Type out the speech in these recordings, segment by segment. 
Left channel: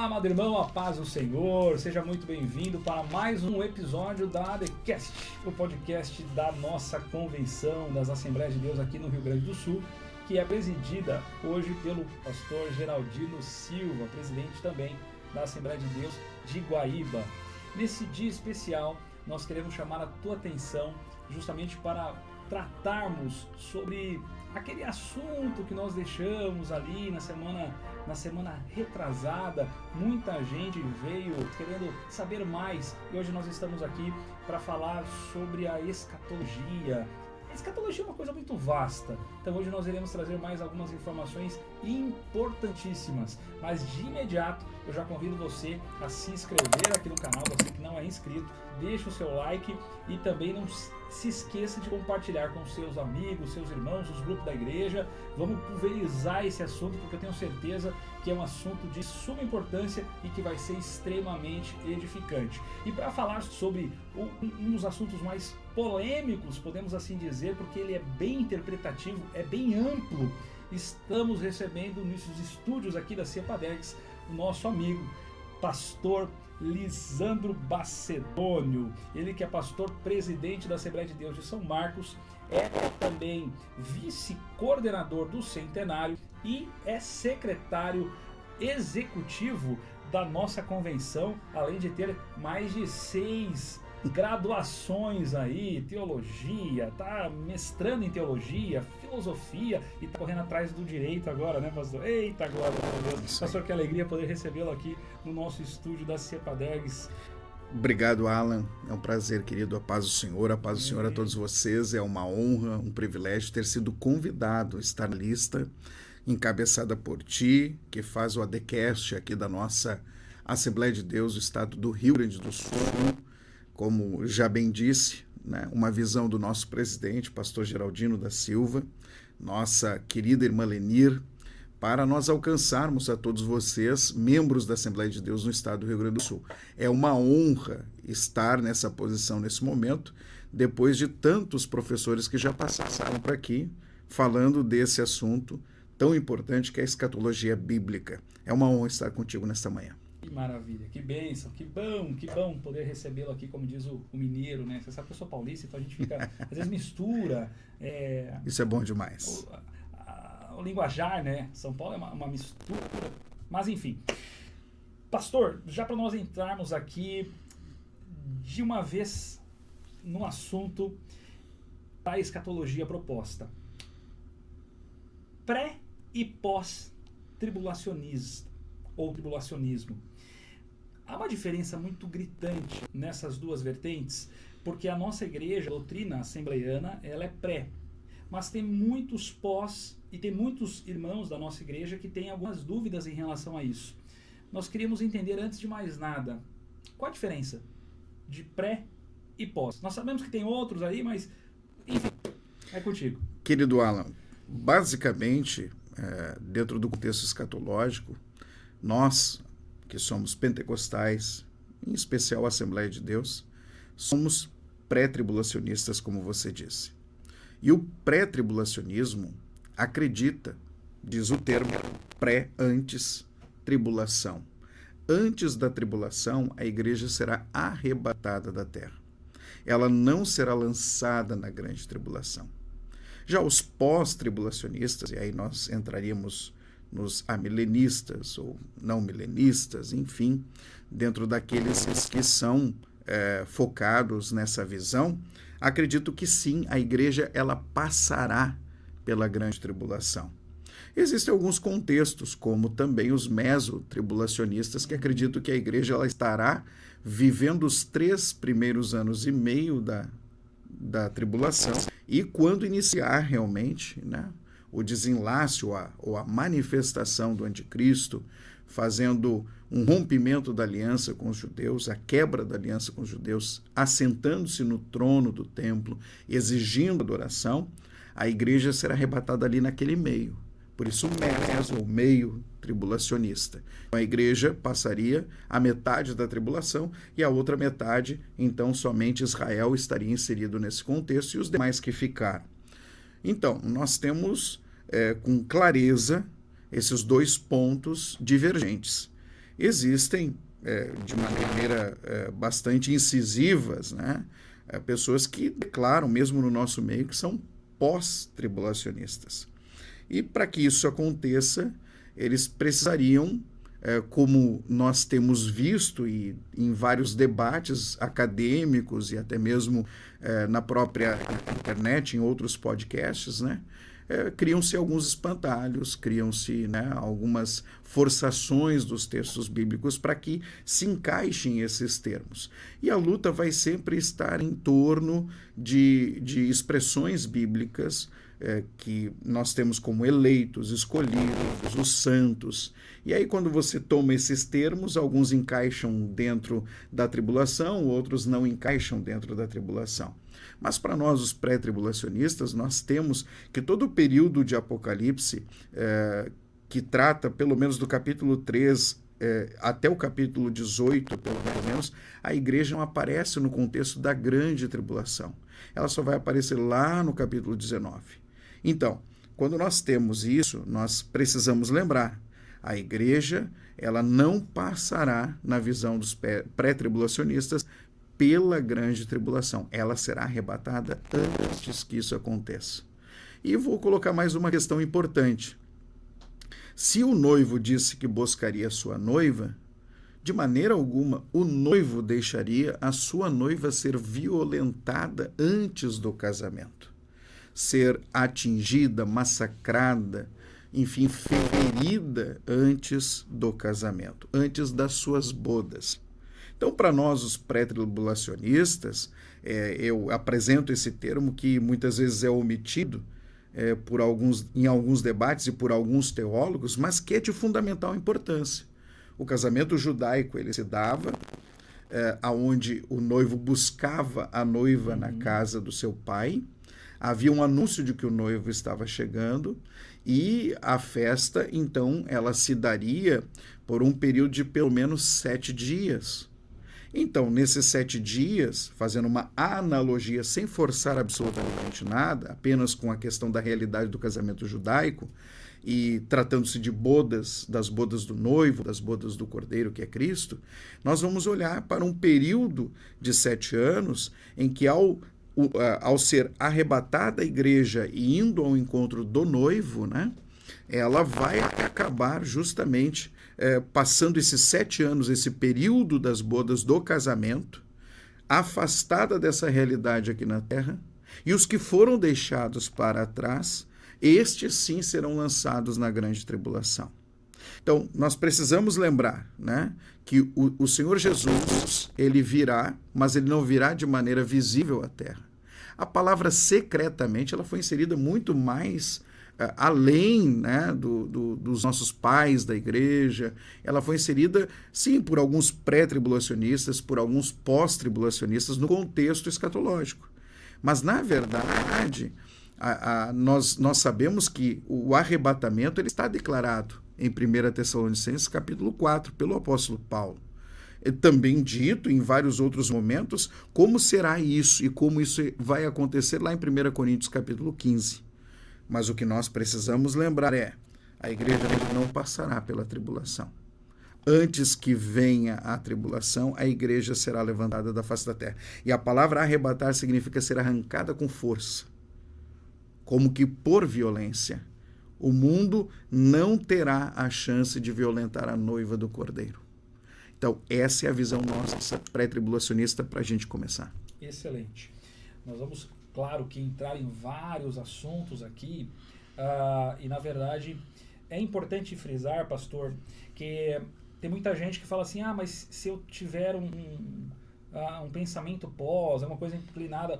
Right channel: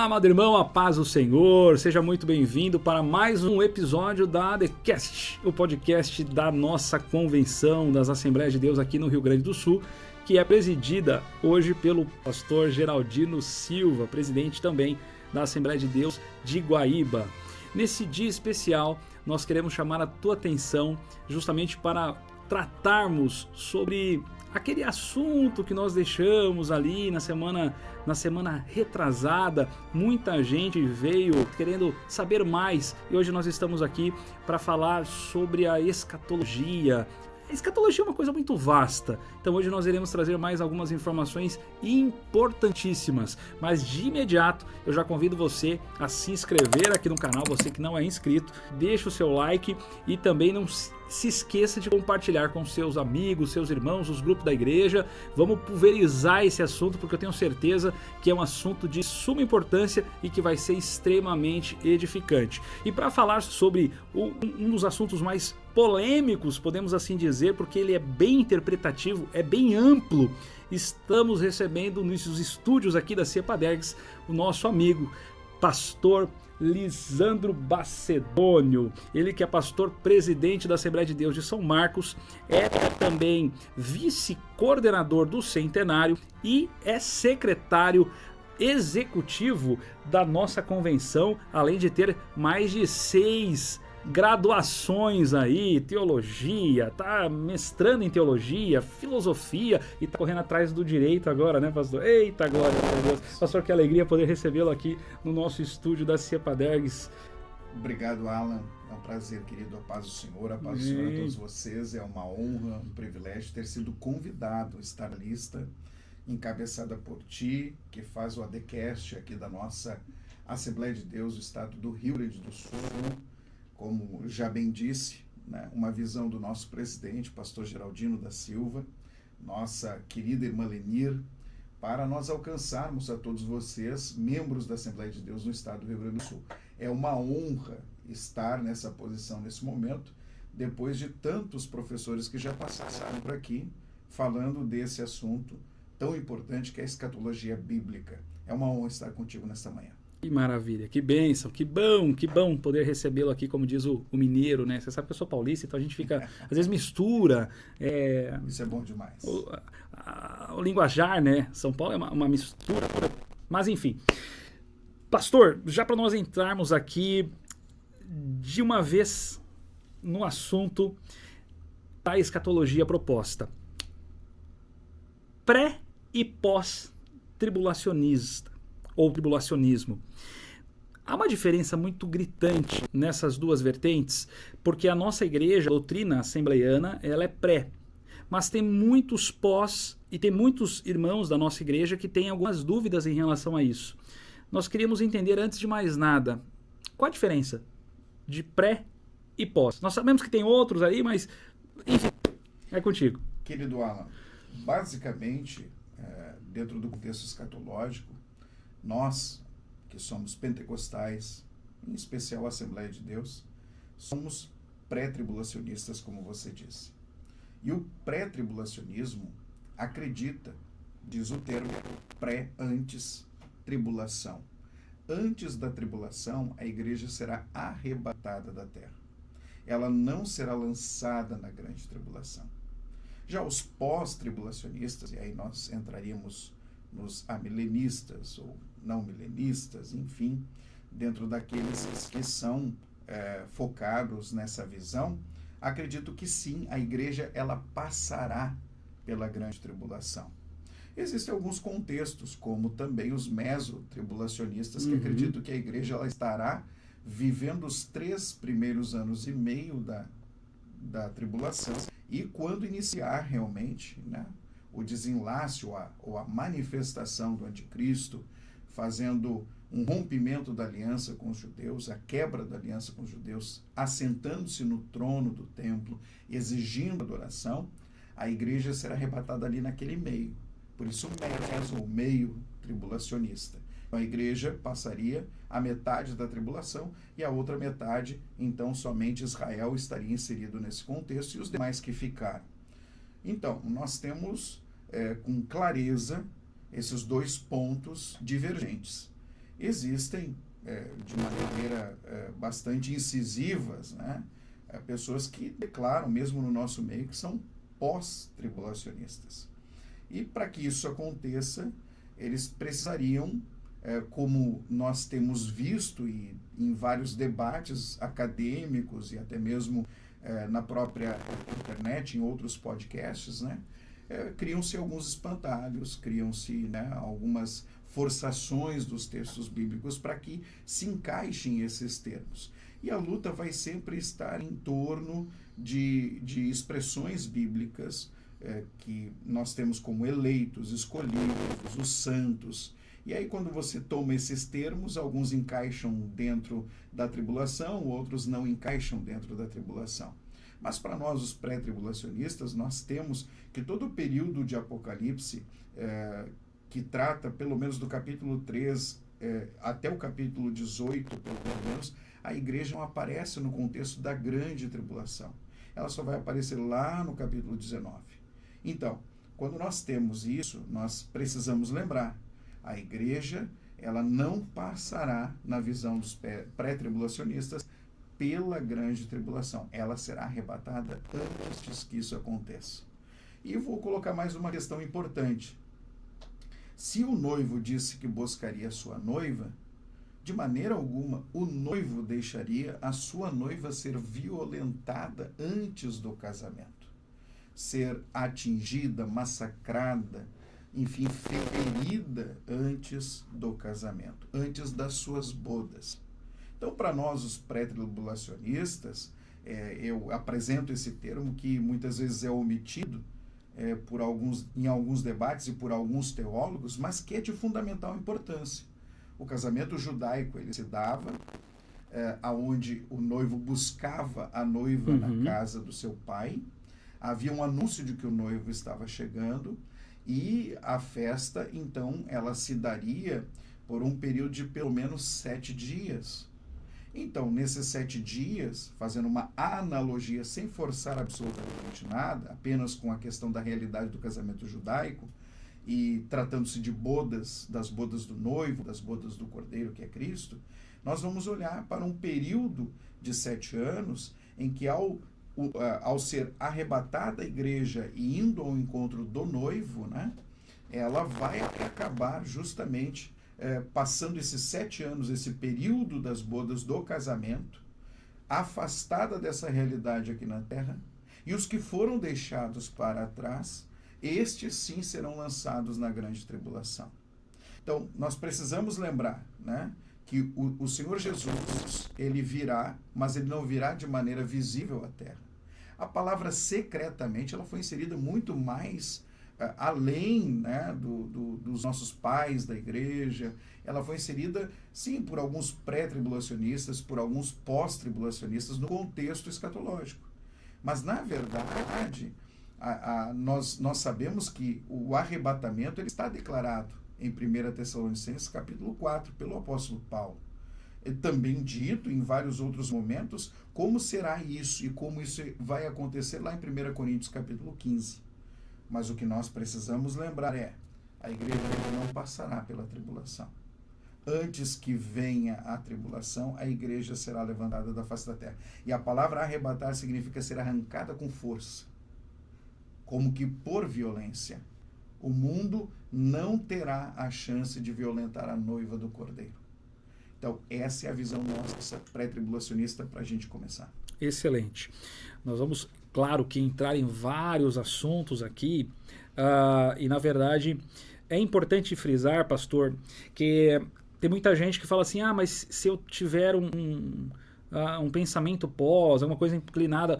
Olá, amado irmão, a paz do Senhor, seja muito bem-vindo para mais um episódio da TheCast, o podcast da nossa convenção das Assembleias de Deus aqui no Rio Grande do Sul, que é presidida hoje pelo pastor Geraldino Silva, presidente também da Assembleia de Deus de Guaíba. Nesse dia especial, nós queremos chamar a tua atenção justamente para tratarmos sobre aquele assunto que nós deixamos ali na semana retrasada. Muita gente veio querendo saber mais e hoje nós estamos aqui para falar sobre a escatologia. A escatologia é uma coisa muito vasta, então hoje nós iremos trazer mais algumas informações importantíssimas, mas de imediato eu já convido você a se inscrever aqui no canal, você que não é inscrito, deixa o seu like e também não se esqueça de compartilhar com seus amigos, seus irmãos, os grupos da igreja. Vamos pulverizar esse assunto porque eu tenho certeza que é um assunto de suma importância e que vai ser extremamente edificante. E para falar sobre um dos assuntos mais polêmicos, podemos assim dizer, porque ele é bem interpretativo, é bem amplo, estamos recebendo nos estúdios aqui da Cepadergs o nosso amigo, pastor Lisandro Bacedônio, ele que é pastor presidente da Assembleia de Deus de São Marcos, é também vice-coordenador do Centenário e é secretário executivo da nossa convenção, além de ter mais de 6 graduações aí, teologia, tá mestrando em teologia, filosofia e tá correndo atrás do direito agora, né, pastor? Eita glória, meu Deus. Pastor, que alegria poder recebê-lo aqui no nosso estúdio da Cepadergs. Obrigado, Alan. É um prazer, querido. A paz do Senhor, a paz do Senhor a todos vocês. É uma honra, um privilégio ter sido convidado a estar na lista encabeçada por ti, que faz o ADCast aqui da nossa Assembleia de Deus do estado do Rio Grande do Sul. Como já bem disse, né, uma visão do nosso presidente, pastor Geraldino da Silva, nossa querida irmã Lenir, para nós alcançarmos a todos vocês, membros da Assembleia de Deus no estado do Rio Grande do Sul. É uma honra estar nessa posição nesse momento, depois de tantos professores que já passaram por aqui, falando desse assunto tão importante que é a escatologia bíblica. É uma honra estar contigo nesta manhã. Que maravilha, que bênção, que bom poder recebê-lo aqui, como diz o mineiro, né? Você sabe que eu sou paulista, então a gente fica, às vezes mistura. Isso é bom demais. O linguajar, né? São Paulo é uma mistura. Mas enfim. Pastor, já para nós entrarmos aqui de uma vez no assunto da escatologia proposta. Pré e pós-tribulacionista ou tribulacionismo. Há uma diferença muito gritante nessas duas vertentes, porque a nossa igreja, a doutrina assembleiana, ela é pré, mas tem muitos pós e tem muitos irmãos da nossa igreja que têm algumas dúvidas em relação a isso. Nós queríamos entender, antes de mais nada, qual a diferença de pré e pós. Nós sabemos que tem outros aí, mas enfim, é contigo. Querido Alan, basicamente, dentro do contexto escatológico, nós, que somos pentecostais, em especial a Assembleia de Deus, somos pré-tribulacionistas, como você disse. E o pré-tribulacionismo acredita, diz o termo, pré-antes tribulação. Antes da tribulação, a igreja será arrebatada da terra. Ela não será lançada na grande tribulação. Já os pós-tribulacionistas, e aí nós entraríamos nos amilenistas ou não milenistas, enfim, dentro daqueles que são focados nessa visão, acredito que sim, a igreja ela passará pela grande tribulação. Existem alguns contextos, como também os mesotribulacionistas, que acreditam que a igreja ela estará vivendo os 3 primeiros anos e meio da tribulação, e quando iniciar realmente, né, o desenlace ou a manifestação do anticristo, fazendo um rompimento da aliança com os judeus, a quebra da aliança com os judeus, assentando-se no trono do templo, exigindo adoração, a igreja será arrebatada ali naquele meio. Por isso o meio tribulacionista. A igreja passaria a metade da tribulação e a outra metade, então somente Israel estaria inserido nesse contexto e os demais que ficaram. Então, nós temos com clareza esses dois pontos divergentes. existem, de uma maneira bastante incisivas, né, pessoas que declaram, mesmo no nosso meio, que são pós-tribulacionistas. E para que isso aconteça, eles precisariam, como nós temos visto e em vários debates acadêmicos e até mesmo na própria internet, em outros podcasts, né, criam-se alguns espantalhos, criam-se, né, algumas forçações dos textos bíblicos para que se encaixem esses termos. E a luta vai sempre estar em torno de expressões bíblicas que nós temos como eleitos, escolhidos, os santos. E aí, quando você toma esses termos, alguns encaixam dentro da tribulação, outros não encaixam dentro da tribulação. Mas para nós, os pré-tribulacionistas, nós temos que todo o período de Apocalipse, que trata pelo menos do capítulo 3 até o capítulo 18, pelo menos, a igreja não aparece no contexto da grande tribulação. Ela só vai aparecer lá no capítulo 19. Então, quando nós temos isso, nós precisamos lembrar, a igreja ela não passará, na visão dos pré-tribulacionistas, pela grande tribulação. Ela será arrebatada antes que isso aconteça. E vou colocar mais uma questão importante. Se o noivo disse que buscaria sua noiva, de maneira alguma o noivo deixaria a sua noiva ser violentada antes do casamento, ser atingida, massacrada, enfim, ferida antes do casamento, antes das suas bodas. Então, para nós, os pré-tribulacionistas, eu apresento esse termo que muitas vezes é omitido em alguns debates e por alguns teólogos, mas que é de fundamental importância. O casamento judaico ele se dava aonde o noivo buscava a noiva na casa do seu pai, havia um anúncio de que o noivo estava chegando e a festa, então, ela se daria por um período de pelo menos 7 dias. Então, nesses 7 dias, fazendo uma analogia sem forçar absolutamente nada, apenas com a questão da realidade do casamento judaico, e tratando-se de bodas, das bodas do noivo, das bodas do cordeiro, que é Cristo, nós vamos olhar para um período de 7 anos em que, ao ser arrebatada a igreja e indo ao encontro do noivo, né, ela vai acabar justamente passando esses 7 anos, esse período das bodas do casamento, afastada dessa realidade aqui na Terra, e os que foram deixados para trás, estes sim serão lançados na grande tribulação. Então, nós precisamos lembrar, né, que o Senhor Jesus, ele virá, mas ele não virá de maneira visível à Terra. A palavra secretamente, ela foi inserida muito mais além, né, dos nossos pais da igreja. Ela foi inserida, sim, por alguns pré-tribulacionistas, por alguns pós-tribulacionistas no contexto escatológico. Mas, na verdade, nós sabemos que o arrebatamento ele está declarado em 1 Tessalonicenses capítulo 4, pelo apóstolo Paulo. É também dito em vários outros momentos como será isso e como isso vai acontecer lá em 1 Coríntios capítulo 15. Mas o que nós precisamos lembrar a igreja não passará pela tribulação. Antes que venha a tribulação, a igreja será levantada da face da terra. E a palavra arrebatar significa ser arrancada com força, como que por violência. O mundo não terá a chance de violentar a noiva do Cordeiro. Então, essa é a visão nossa pré-tribulacionista para a gente começar. Excelente. Nós vamos, claro, que entrar em vários assuntos aqui, e na verdade é importante frisar, pastor, que tem muita gente que fala assim, mas se eu tiver um pensamento pós, alguma coisa inclinada,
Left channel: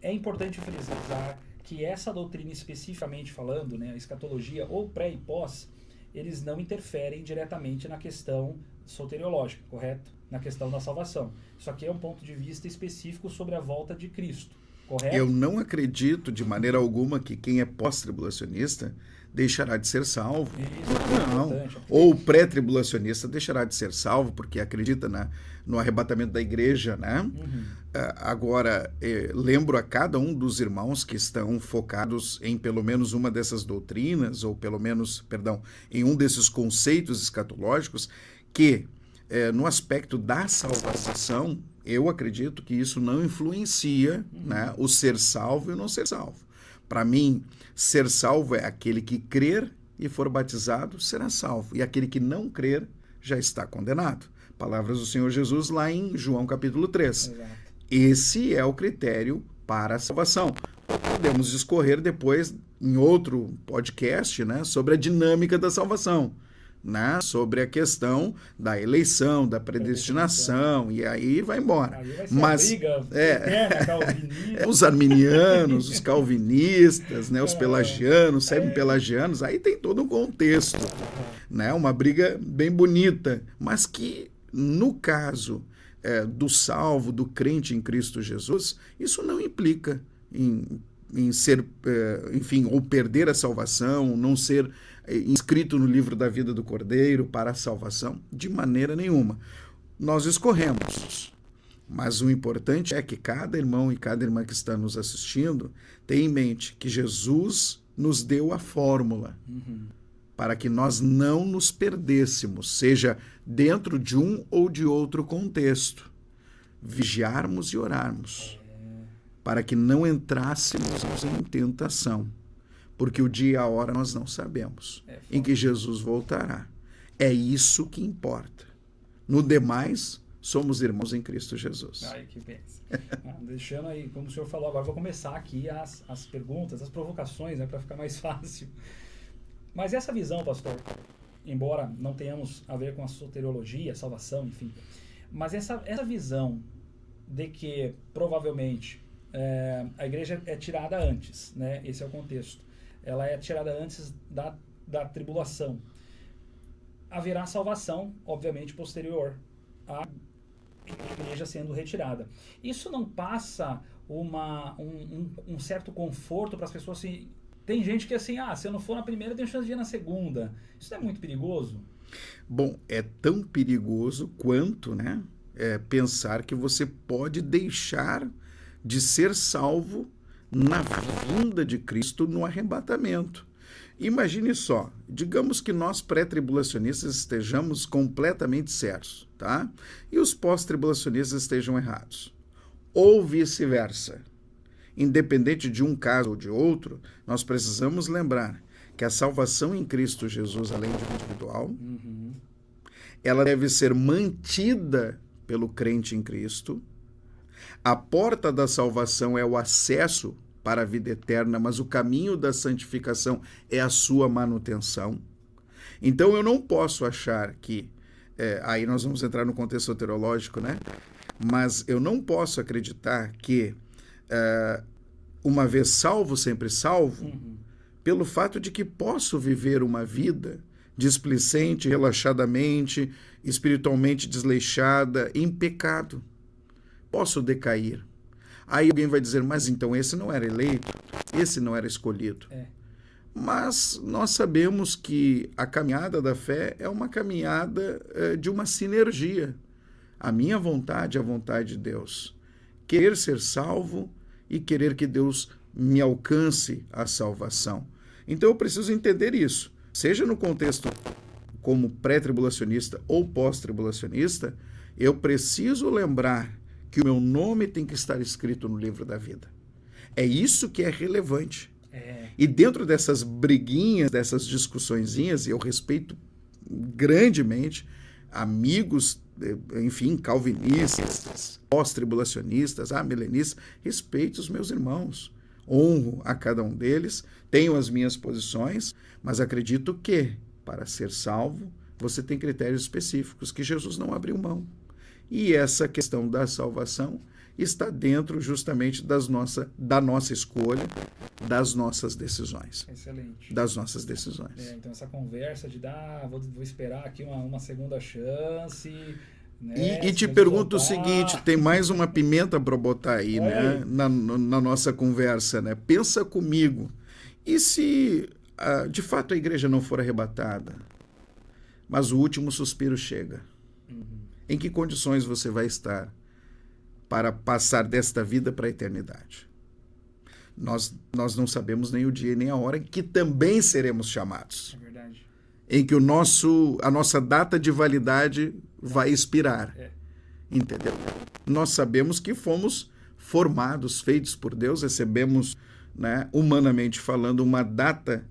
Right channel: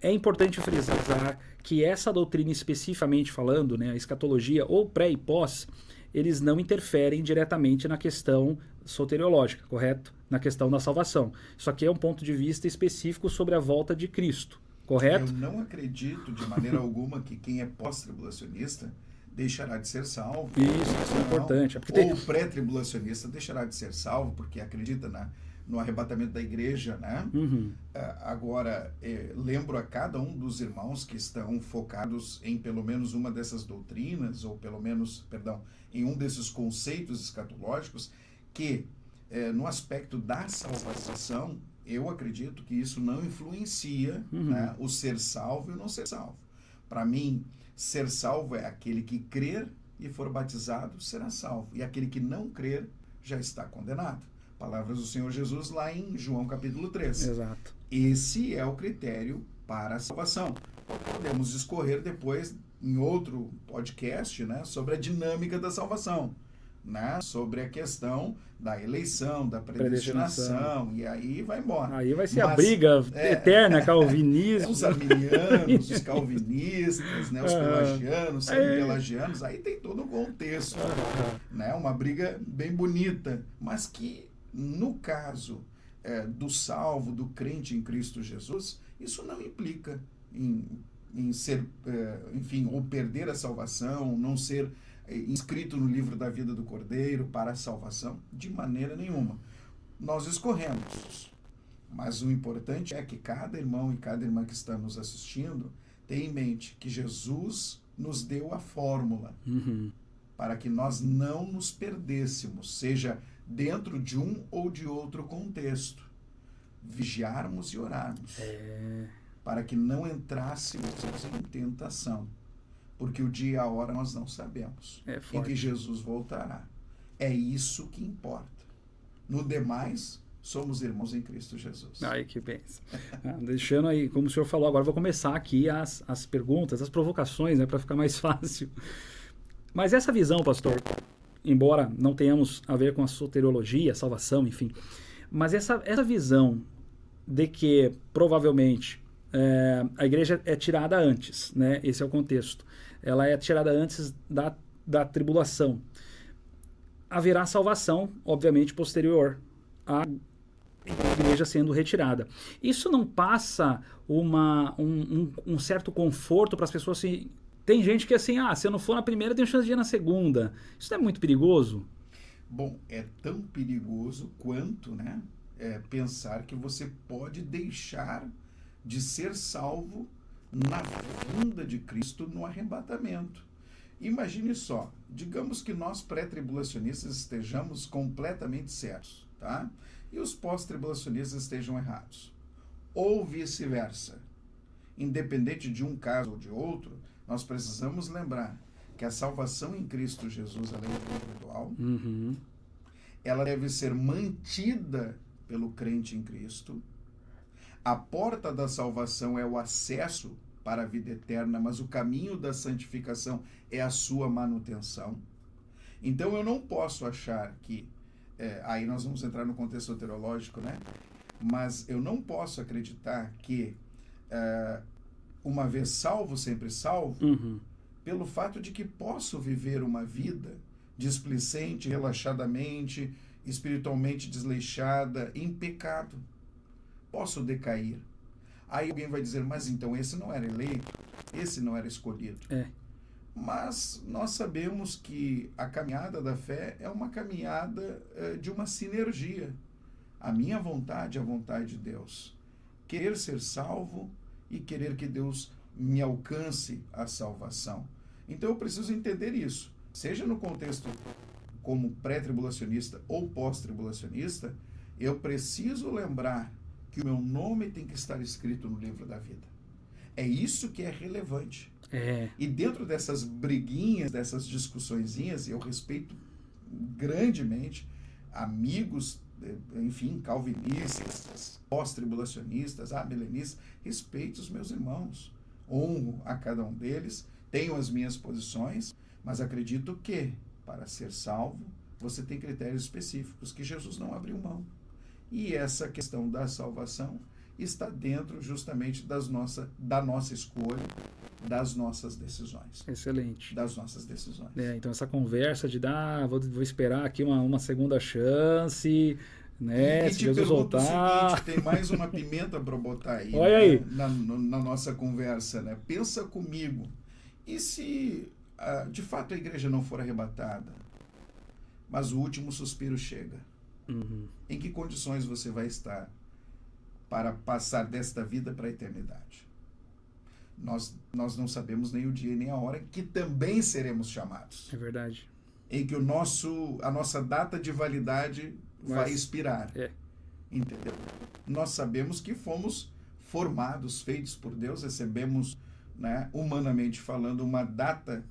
é importante frisar que essa doutrina especificamente falando, né, a escatologia ou pré e pós, eles não interferem diretamente na questão soteriológica, correto? Na questão da salvação. Isso aqui é um ponto de vista específico sobre a volta de Cristo, correto? Eu não acredito de maneira alguma que quem é pós-tribulacionista deixará de ser salvo. Isso é importante. Ou pré-tribulacionista deixará de ser salvo porque acredita no arrebatamento da igreja, né? Agora, lembro a cada um dos irmãos que estão focados em pelo menos uma dessas doutrinas, ou pelo menos, em um desses conceitos escatológicos, que no aspecto da salvação, eu acredito que isso não influencia, né, o ser salvo e o não ser salvo. Para mim, ser salvo é aquele que crer e for batizado, será salvo. E aquele que não crer, já está condenado. Palavras do Senhor Jesus lá em João capítulo 3. Exato. Esse é o critério para a salvação. Podemos discorrer depois, em outro podcast, né, sobre a dinâmica da salvação, né, sobre a questão da eleição, da predestinação, e aí vai embora. Aí vai ser a briga eterna, calvinista. Os arminianos, os calvinistas, né, os pelagianos, semi-pelagianos, aí tem todo um contexto, né, uma briga bem bonita, mas que, no caso do salvo, do crente em Cristo Jesus, isso não implica em ser, enfim, ou perder a salvação, não ser inscrito no livro da vida do Cordeiro para a salvação, de maneira nenhuma. Nós escorremos, mas o importante é que cada irmão e cada irmã que está nos assistindo tenha em mente que Jesus nos deu a fórmula para que nós não nos perdêssemos, seja dentro de um ou de outro contexto, vigiarmos e orarmos, para que não entrássemos em tentação, porque o dia e a hora nós não sabemos, em que Jesus voltará. É isso que importa. No demais, somos irmãos em Cristo Jesus. Ai, que bênção. Deixando aí, como o senhor falou, agora vou começar aqui as perguntas, as provocações, né, para ficar mais fácil. Mas essa visão, pastor, embora não tenhamos a ver com a soteriologia, a salvação, enfim, mas essa visão de que provavelmente a igreja é tirada antes, né? Esse é o contexto. Ela é tirada antes da tribulação. Haverá salvação, obviamente, posterior à igreja sendo retirada. Isso não passa um certo conforto para as pessoas assim. Tem gente que é assim, se eu não for na primeira, tenho chance de ir na segunda. Isso não é muito perigoso? Bom, é tão perigoso quanto, né, pensar que você pode deixar de ser salvo na vinda de Cristo no arrebatamento. Imagine só, digamos que nós pré-tribulacionistas estejamos completamente certos, tá? E os pós-tribulacionistas estejam errados. Ou vice-versa. Independente de um caso ou de outro, nós precisamos lembrar que a salvação em Cristo Jesus, além de individual, ela deve ser mantida pelo crente em Cristo. A porta da salvação é o acesso para a vida eterna, mas o caminho da santificação é a sua manutenção. Então eu não posso achar que, aí nós vamos entrar no contexto soteriológico, né? Mas eu não posso acreditar que uma vez salvo, sempre salvo, pelo fato de que posso viver uma vida displicente, relaxadamente, espiritualmente desleixada, em pecado. Posso decair. Aí alguém vai dizer, mas então esse não era eleito, esse não era escolhido. Mas nós sabemos que a caminhada da fé é uma caminhada de uma sinergia. A minha vontade é a vontade de Deus. Querer ser salvo e querer que Deus me alcance a salvação. Então eu preciso entender isso. Seja no contexto como pré-tribulacionista ou pós-tribulacionista, eu preciso lembrar que o meu nome tem que estar escrito no livro da vida. É isso que é relevante. E dentro dessas briguinhas, dessas discussõezinhas, eu respeito grandemente amigos, enfim, calvinistas, pós-tribulacionistas, milenistas, respeito os meus irmãos, honro a cada um deles, tenho as minhas posições, mas acredito que, para ser salvo, você tem critérios específicos que Jesus não abriu mão. E essa questão da salvação está dentro justamente da nossa escolha, das nossas decisões. Excelente. Das nossas decisões. Então essa conversa de vou esperar aqui uma segunda chance, né? E te pergunto o seguinte, tem mais uma pimenta para botar aí, né? Na nossa conversa, né? Pensa comigo, e se de fato a igreja não for arrebatada, mas o último suspiro chega? Em que condições você vai estar para passar desta vida para a eternidade? Nós não sabemos nem o dia nem a hora em que também seremos chamados. É verdade. Em que a nossa data de validade vai expirar. Entendeu? Nós sabemos que fomos formados, feitos por Deus, recebemos, né, humanamente falando, uma data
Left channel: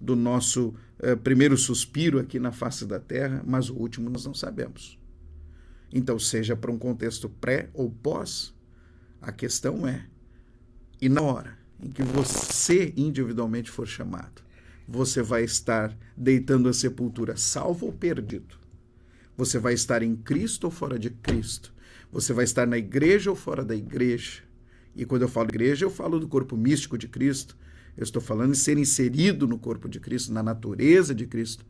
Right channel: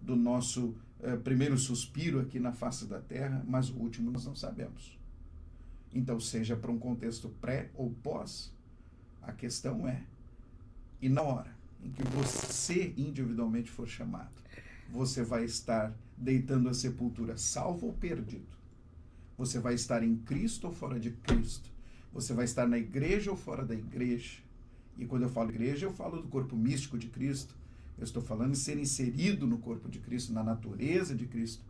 do nosso primeiro suspiro aqui na face da terra, mas o último nós não sabemos. Então, seja para um contexto pré ou pós, a questão é, e na hora em que você individualmente for chamado, você vai estar deitando a sepultura, salvo ou perdido? Você vai estar em Cristo ou fora de Cristo? Você vai estar na igreja ou fora da igreja? E quando eu falo igreja, eu falo do corpo místico de Cristo. Eu estou falando de ser inserido no corpo de Cristo, na natureza de Cristo,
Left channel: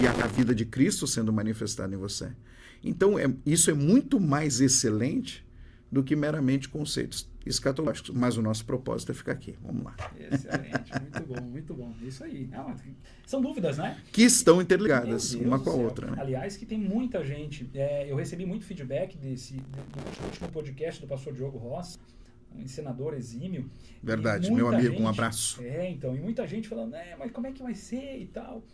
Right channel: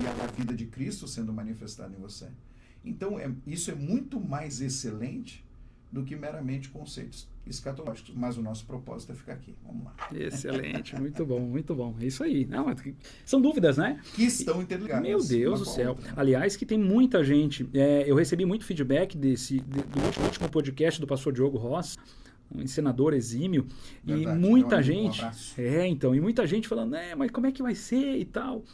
e a vida de Cristo sendo manifestada em você. Então, isso é muito mais excelente do que meramente conceitos escatológicos. Mas o nosso propósito é ficar aqui. Vamos lá. Excelente, muito bom, muito bom. É isso aí. Não, são dúvidas, né? Que estão interligadas. Meu Deus uma do com a céu. outra, né? Aliás, que tem muita gente. Eu recebi muito feedback do último podcast do pastor Diogo Ross, um ensinador exímio. Verdade, e muita meu amigo, gente, um abraço. Então, e muita gente falando, mas como é que vai ser e tal?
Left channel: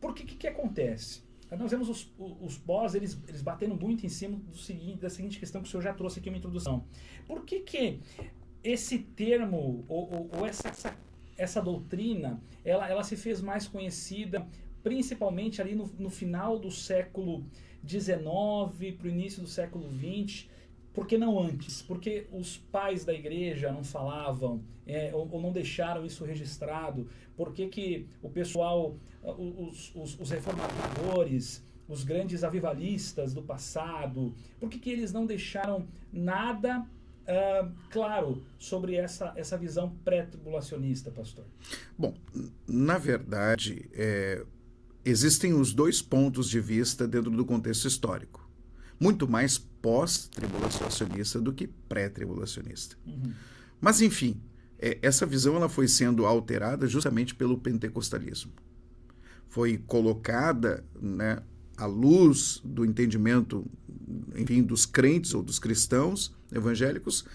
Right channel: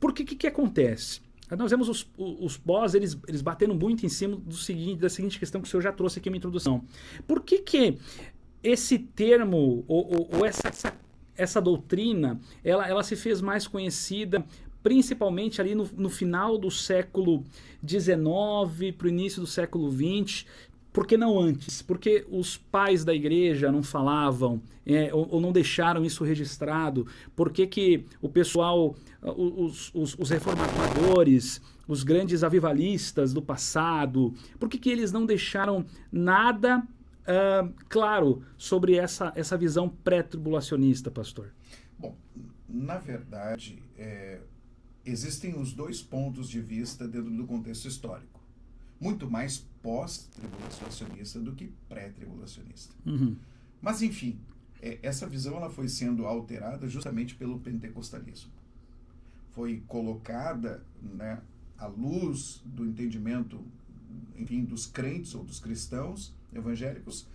Porque o que acontece? Nós vemos os boss, eles batendo muito em cima da seguinte questão que o senhor já trouxe aqui na introdução. Por que esse termo, ou essa doutrina, ela se fez mais conhecida, principalmente ali no final do século XIX para o início do século XX? Por que não antes? Porque os pais da igreja não falavam, ou não deixaram isso registrado? Por que o pessoal, os reformadores, os grandes avivalistas do passado, por que eles não deixaram nada claro sobre essa visão pré-tribulacionista, pastor? Bom, na verdade, existem os dois pontos de vista dentro do contexto histórico. Muito mais pós-tribulacionista do que pré-tribulacionista. Uhum. Mas, enfim, essa visão ela foi sendo alterada justamente pelo pentecostalismo. Foi colocada, né, à luz do entendimento, enfim, dos crentes ou dos cristãos evangélicos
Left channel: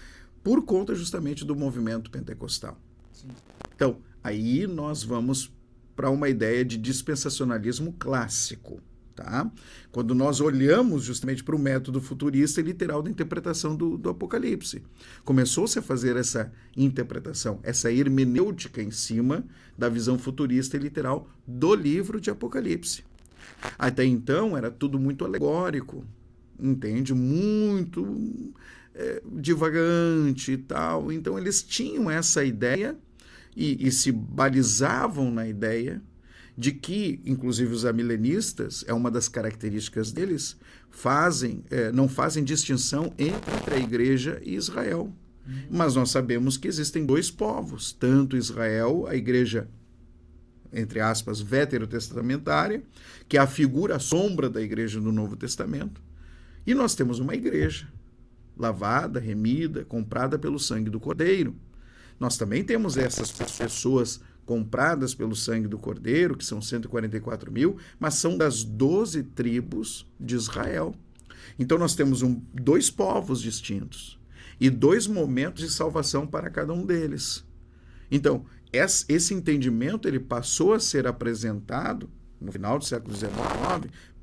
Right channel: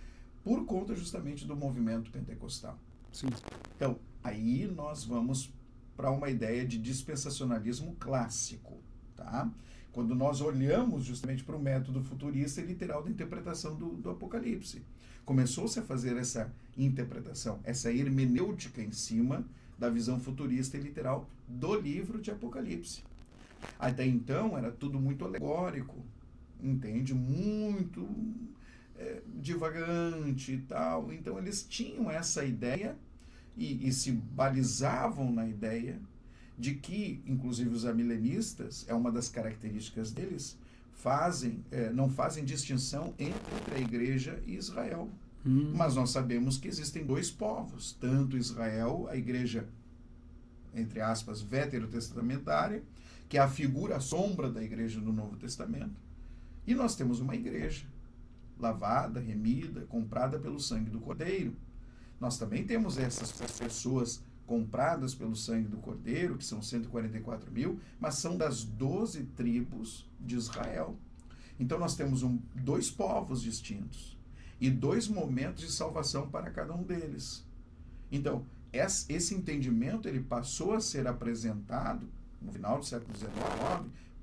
por conta justamente do movimento pentecostal. Sim. Então, aí nós vamos para uma ideia de dispensacionalismo clássico. Tá? Quando nós olhamos justamente para o método futurista e literal da interpretação do Apocalipse. Começou-se a fazer essa interpretação, essa hermenêutica em cima da visão futurista e literal do livro de Apocalipse. Até então era tudo muito alegórico, entende? Muito divagante e tal. Então eles tinham essa ideia e se balizavam na ideia de que, inclusive os amilenistas, uma das características deles, não fazem distinção entre a igreja e Israel. Mas nós sabemos que existem dois povos, tanto Israel, a igreja, entre aspas, veterotestamentária, que é a figura, a sombra da igreja do Novo Testamento, e nós temos uma igreja lavada, remida, comprada pelo sangue do Cordeiro. Nós também temos essas pessoas compradas pelo sangue do Cordeiro, que são 144 mil, mas são das 12 tribos de Israel. Então nós temos dois povos distintos e dois momentos de salvação para cada um deles. Então, esse entendimento ele passou a ser apresentado no final do século XIX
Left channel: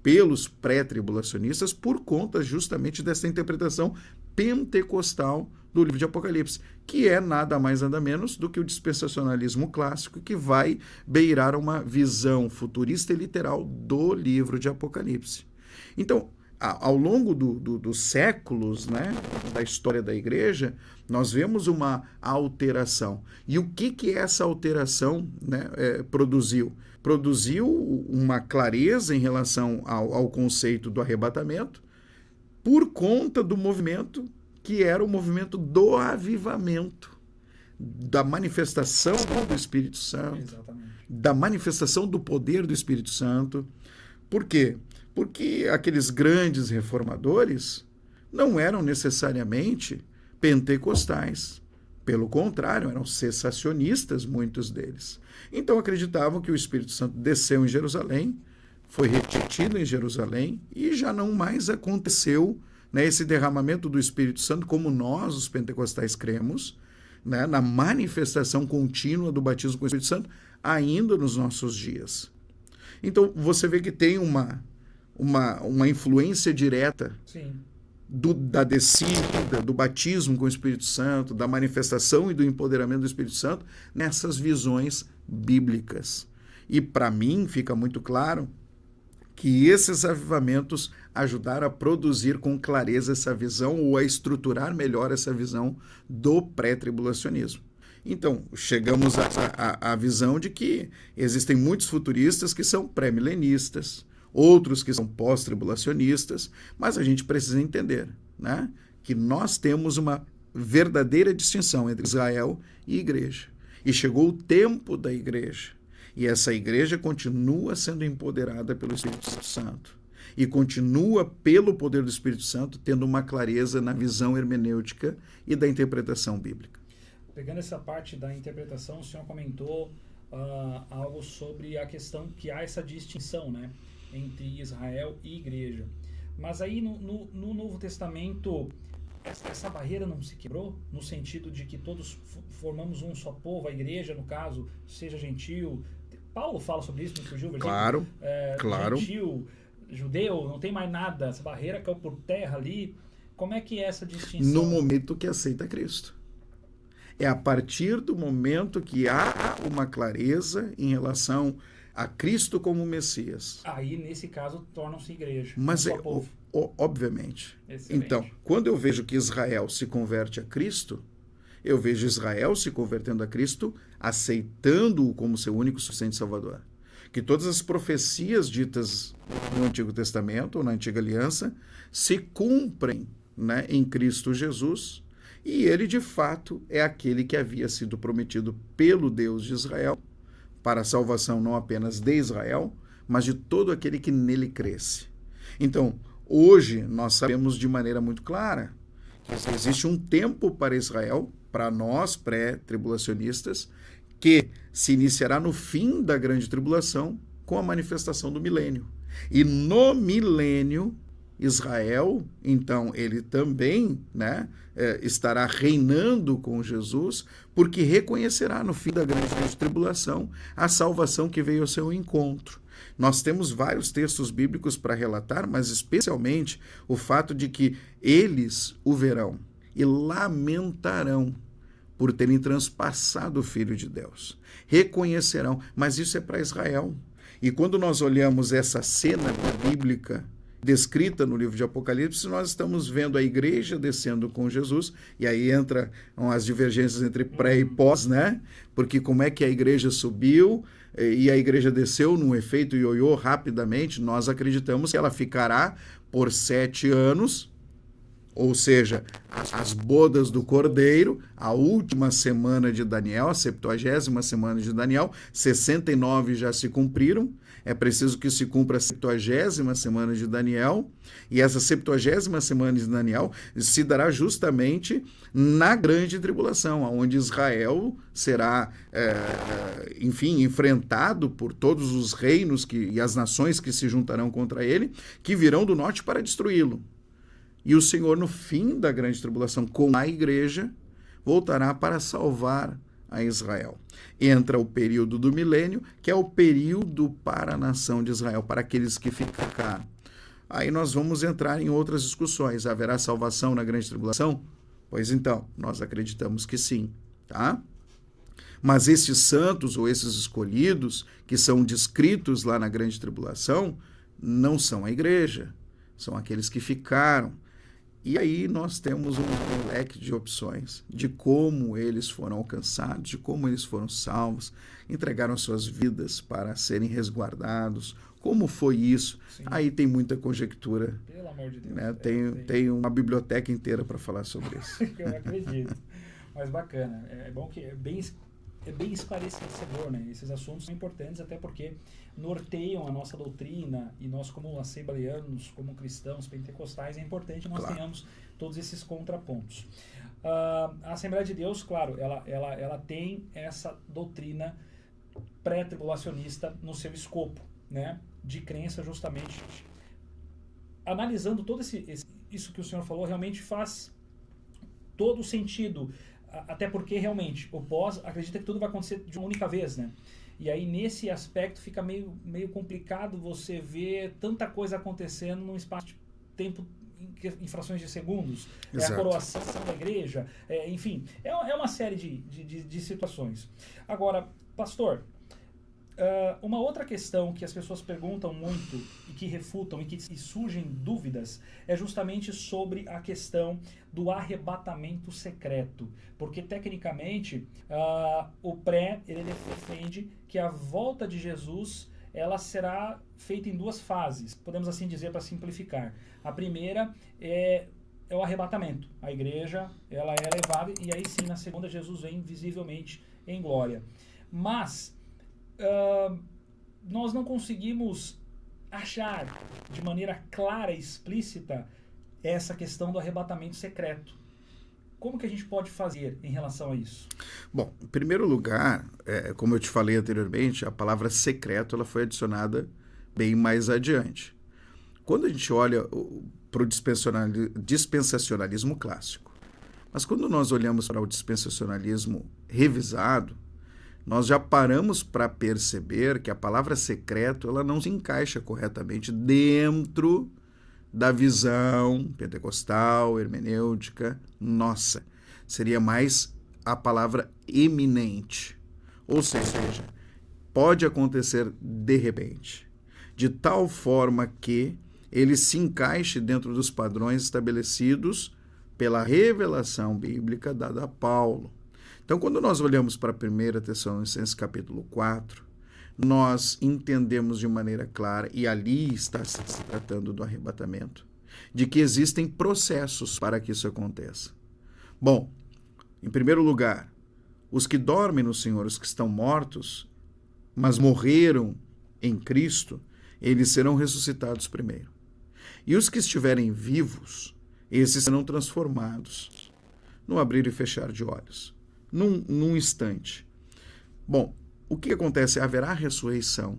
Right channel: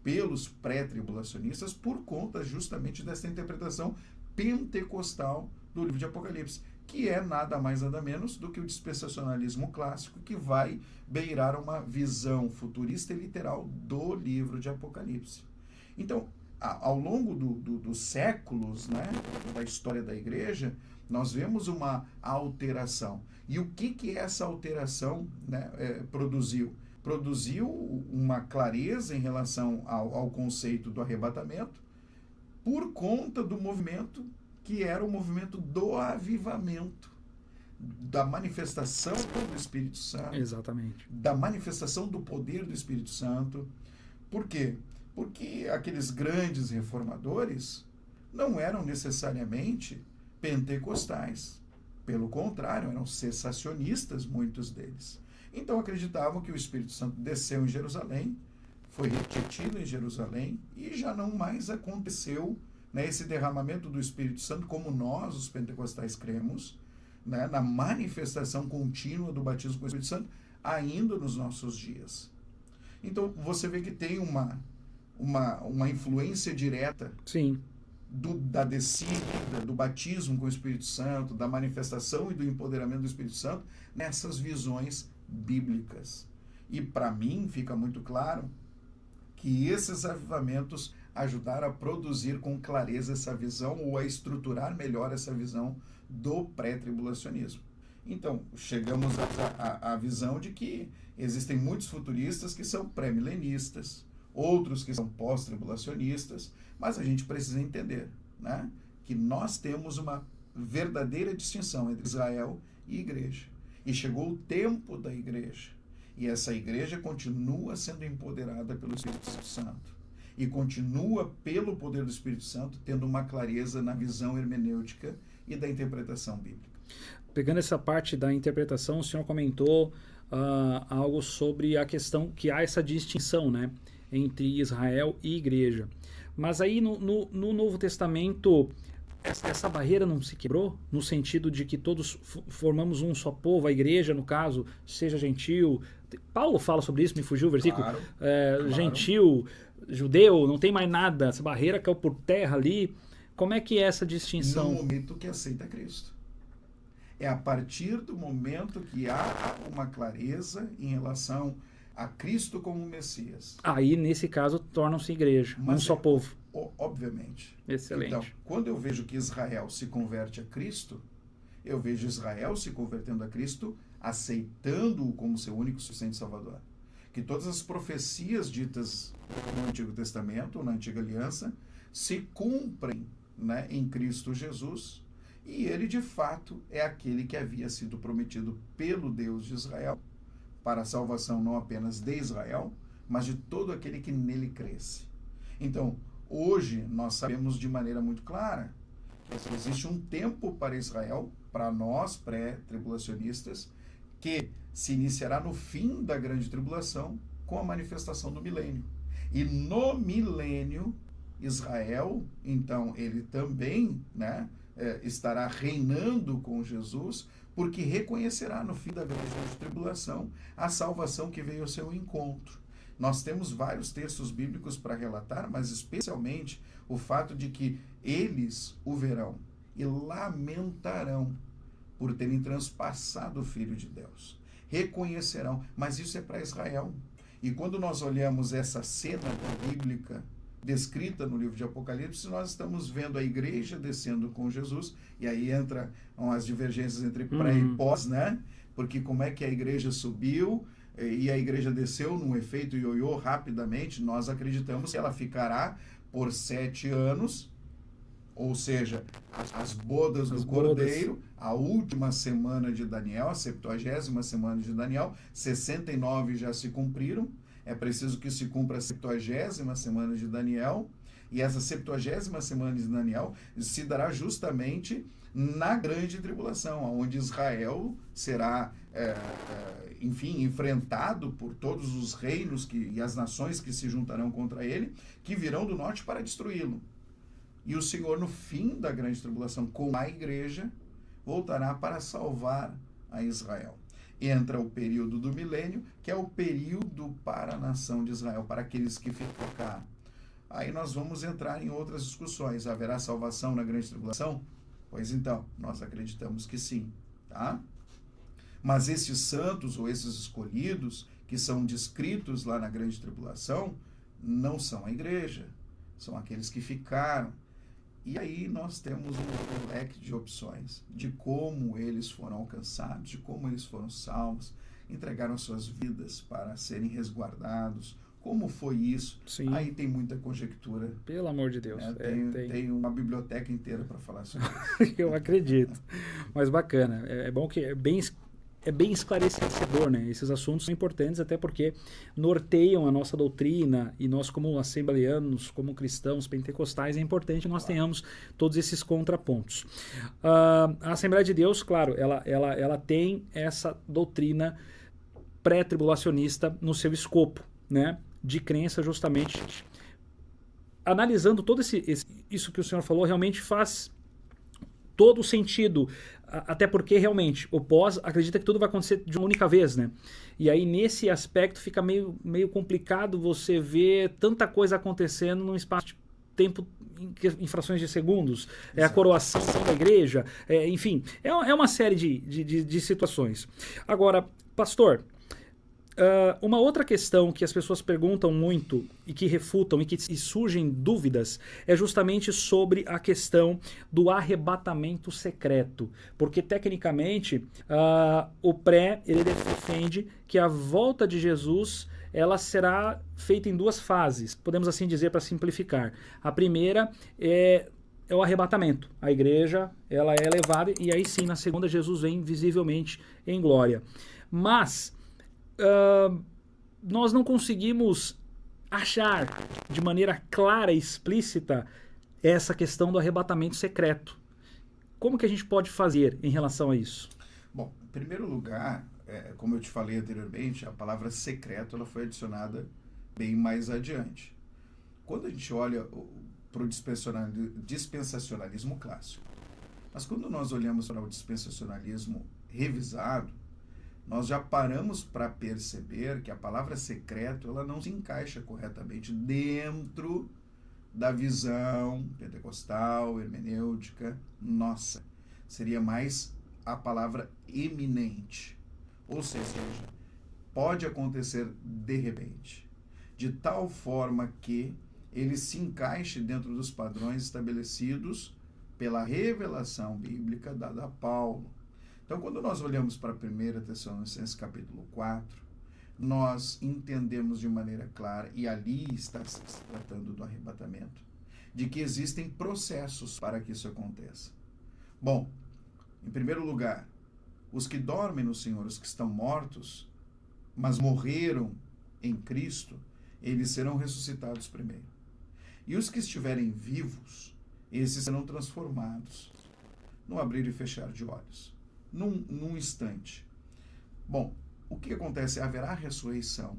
pelos pré-tribulacionistas por conta justamente dessa interpretação pentecostal do livro de Apocalipse, que é nada mais nada menos do que o dispensacionalismo clássico, que vai beirar uma visão futurista e literal do livro de Apocalipse. Então, ao longo dos séculos, né, da história da igreja, nós vemos uma alteração. E o que essa alteração, né, produziu? Produziu uma clareza em relação ao conceito do arrebatamento por conta do movimento que era o movimento do avivamento, da manifestação do Espírito Santo. Exatamente. Da manifestação do poder do Espírito Santo. Por quê? Porque aqueles grandes reformadores não eram necessariamente pentecostais. Pelo contrário, eram cessacionistas, muitos deles. Então acreditavam que o Espírito Santo desceu em Jerusalém, foi retido em Jerusalém e já não mais aconteceu, né, esse derramamento do Espírito Santo, como nós, os pentecostais, cremos, né, na manifestação contínua do batismo com o Espírito Santo, ainda nos nossos dias. Então, você vê que tem uma influência direta Sim. da descida, do batismo com o Espírito Santo, da manifestação e do empoderamento do Espírito Santo nessas visões bíblicas. E para mim fica muito claro que esses avivamentos ajudaram a produzir com clareza essa visão ou a estruturar melhor essa visão do pré-tribulacionismo. Então, chegamos à visão de que existem muitos futuristas que são pré-milenistas, outros que são pós-tribulacionistas, mas a gente precisa entender, né, que nós temos uma verdadeira distinção entre Israel e igreja. E chegou o tempo da igreja. E essa igreja continua sendo empoderada pelo Espírito Santo. E continua, pelo poder do Espírito Santo, tendo uma clareza na visão hermenêutica e da interpretação bíblica. Pegando essa parte da interpretação, o senhor comentou algo sobre a questão que há essa distinção, né, entre Israel e igreja. Mas aí no Novo Testamento, essa barreira não se quebrou? No sentido de que todos formamos um só povo, a igreja, no caso, seja gentil. Paulo fala sobre isso, me fugiu o versículo. Claro, claro. Gentil, judeu, não tem mais nada, essa barreira caiu por terra ali. Como é que é essa distinção? No momento que aceita Cristo. É a partir do momento que há uma clareza em relação a Cristo como Messias. Aí, nesse caso, tornam-se igreja, mas um só povo. Obviamente. Excelente. Então, quando eu vejo que Israel se converte a Cristo, eu vejo Israel se convertendo a Cristo, aceitando-o como seu único e suficiente Salvador. Que todas as profecias ditas no Antigo Testamento, ou na Antiga Aliança, se cumprem, né, em Cristo Jesus, e ele, de fato, é aquele que havia sido prometido pelo Deus de Israel, para a salvação não apenas de Israel, mas de todo aquele que nele cresce. Então, hoje, nós sabemos de maneira muito clara que existe um tempo para Israel, para nós pré-tribulacionistas, que se iniciará no fim da grande tribulação com a manifestação do milênio. E no milênio, Israel, então, ele também, né, estará reinando com Jesus, porque reconhecerá no fim da grande tribulação a salvação que veio ao seu encontro. Nós temos vários textos bíblicos para relatar, mas especialmente o fato de que eles o verão e lamentarão por terem transpassado o Filho de Deus. Reconhecerão, mas isso é para Israel. E quando nós olhamos essa cena bíblica descrita no livro de Apocalipse, nós estamos vendo a igreja descendo com Jesus, e aí entram as divergências entre pré e pós, né? Porque como é que a igreja subiu e a igreja desceu num efeito ioiô rapidamente? Nós acreditamos que ela ficará por 7 anos, ou seja, as bodas do Cordeiro, a última semana de Daniel, a 70ª semana de Daniel, 69 já se cumpriram. É preciso que se cumpra a 70ª semana de Daniel, e essa 70ª semana de Daniel se dará justamente na grande tribulação, onde Israel será, enfim, enfrentado por todos os reinos e as nações que se juntarão contra ele, que virão do norte para destruí-lo. E o Senhor, no fim da grande tribulação, com a igreja, voltará para salvar a Israel. Entra o período do milênio, que é o período para a nação de Israel, para aqueles que ficaram. Aí nós vamos entrar em outras discussões. Haverá salvação na grande tribulação? Pois então, nós acreditamos que sim, tá? Mas esses santos ou esses escolhidos que são descritos lá na grande tribulação não são a igreja, são aqueles que ficaram. E aí nós temos um leque de opções de como eles foram alcançados, de como eles foram salvos, entregaram suas vidas para serem resguardados. Como foi isso? Sim. Aí tem muita conjectura. Pelo amor de Deus. Né? Tem uma biblioteca inteira para falar sobre isso. Eu acredito. Mas bacana. É bom que é bem esclarecedor, né? Esses assuntos são importantes até porque norteiam a nossa doutrina, e nós, como assembleanos, como cristãos pentecostais, é importante que nós tenhamos todos esses contrapontos. A Assembleia de Deus, claro, ela tem essa doutrina pré-tribulacionista no seu escopo, né? De crença, justamente. Analisando todo isso que o senhor falou, realmente faz todo o sentido. Até porque, realmente, o pós acredita que tudo vai acontecer de uma única vez, né? E aí, nesse aspecto, fica meio complicado você ver tanta coisa acontecendo num espaço de tempo em frações de segundos. É a Exato. coroação da igreja, enfim, é uma série de situações. Agora, pastor, uma outra questão que as pessoas perguntam muito e que refutam e surgem dúvidas é justamente sobre a questão do arrebatamento secreto. Porque, tecnicamente, o ele defende que a volta de Jesus ela será feita em duas fases, podemos assim dizer para simplificar. A primeira é o arrebatamento. A igreja ela é levada e aí sim, na segunda, Jesus vem visivelmente em glória. Mas nós não conseguimos achar de maneira clara e explícita essa questão do arrebatamento secreto. Como que a gente pode fazer em relação a isso? Bom, em primeiro lugar, como eu te falei anteriormente, a palavra secreto ela foi adicionada bem mais adiante. Quando a gente olha para o dispensacionalismo clássico, mas quando nós olhamos para o dispensacionalismo revisado, nós já paramos para perceber que a palavra secreto ela não se encaixa corretamente dentro da visão pentecostal, hermenêutica nossa. Seria mais a palavra eminente. Ou seja, pode acontecer de repente, de tal forma que ele se encaixe dentro dos padrões estabelecidos pela revelação bíblica dada a Paulo. Então, quando nós olhamos para 1 Tessalonicenses capítulo 4, nós entendemos de maneira clara, e ali está se tratando do arrebatamento, de que existem processos para que isso aconteça. Bom, em primeiro lugar, os que dormem no Senhor, os que estão mortos, mas morreram em Cristo, eles serão ressuscitados primeiro. E os que estiverem vivos, esses serão transformados no abrir e fechar de olhos. Num instante. Bom, o que acontece? Haverá ressurreição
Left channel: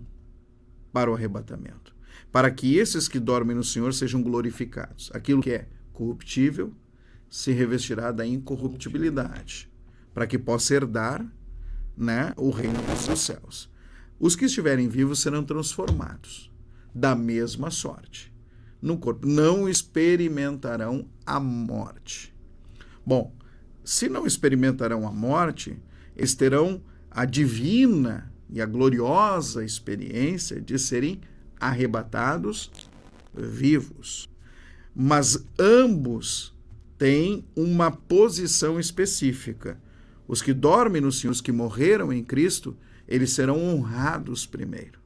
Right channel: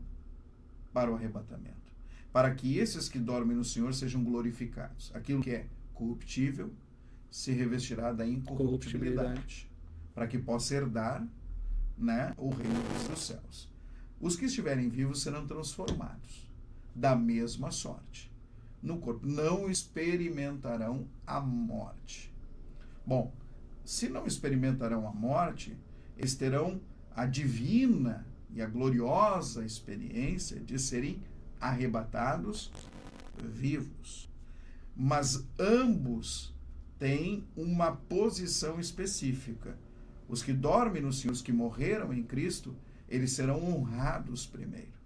para o arrebatamento, para que esses que dormem no Senhor sejam glorificados. Aquilo que é corruptível se revestirá da incorruptibilidade, para que possa herdar, né, o reino dos céus. Os que estiverem vivos serão transformados da mesma sorte no corpo, não experimentarão a morte. Bom, se não experimentarão a morte, eles terão a divina e a gloriosa experiência de serem arrebatados vivos. Mas ambos têm uma posição específica. Os que dormem no Senhor, os que morreram em Cristo, eles serão honrados primeiro.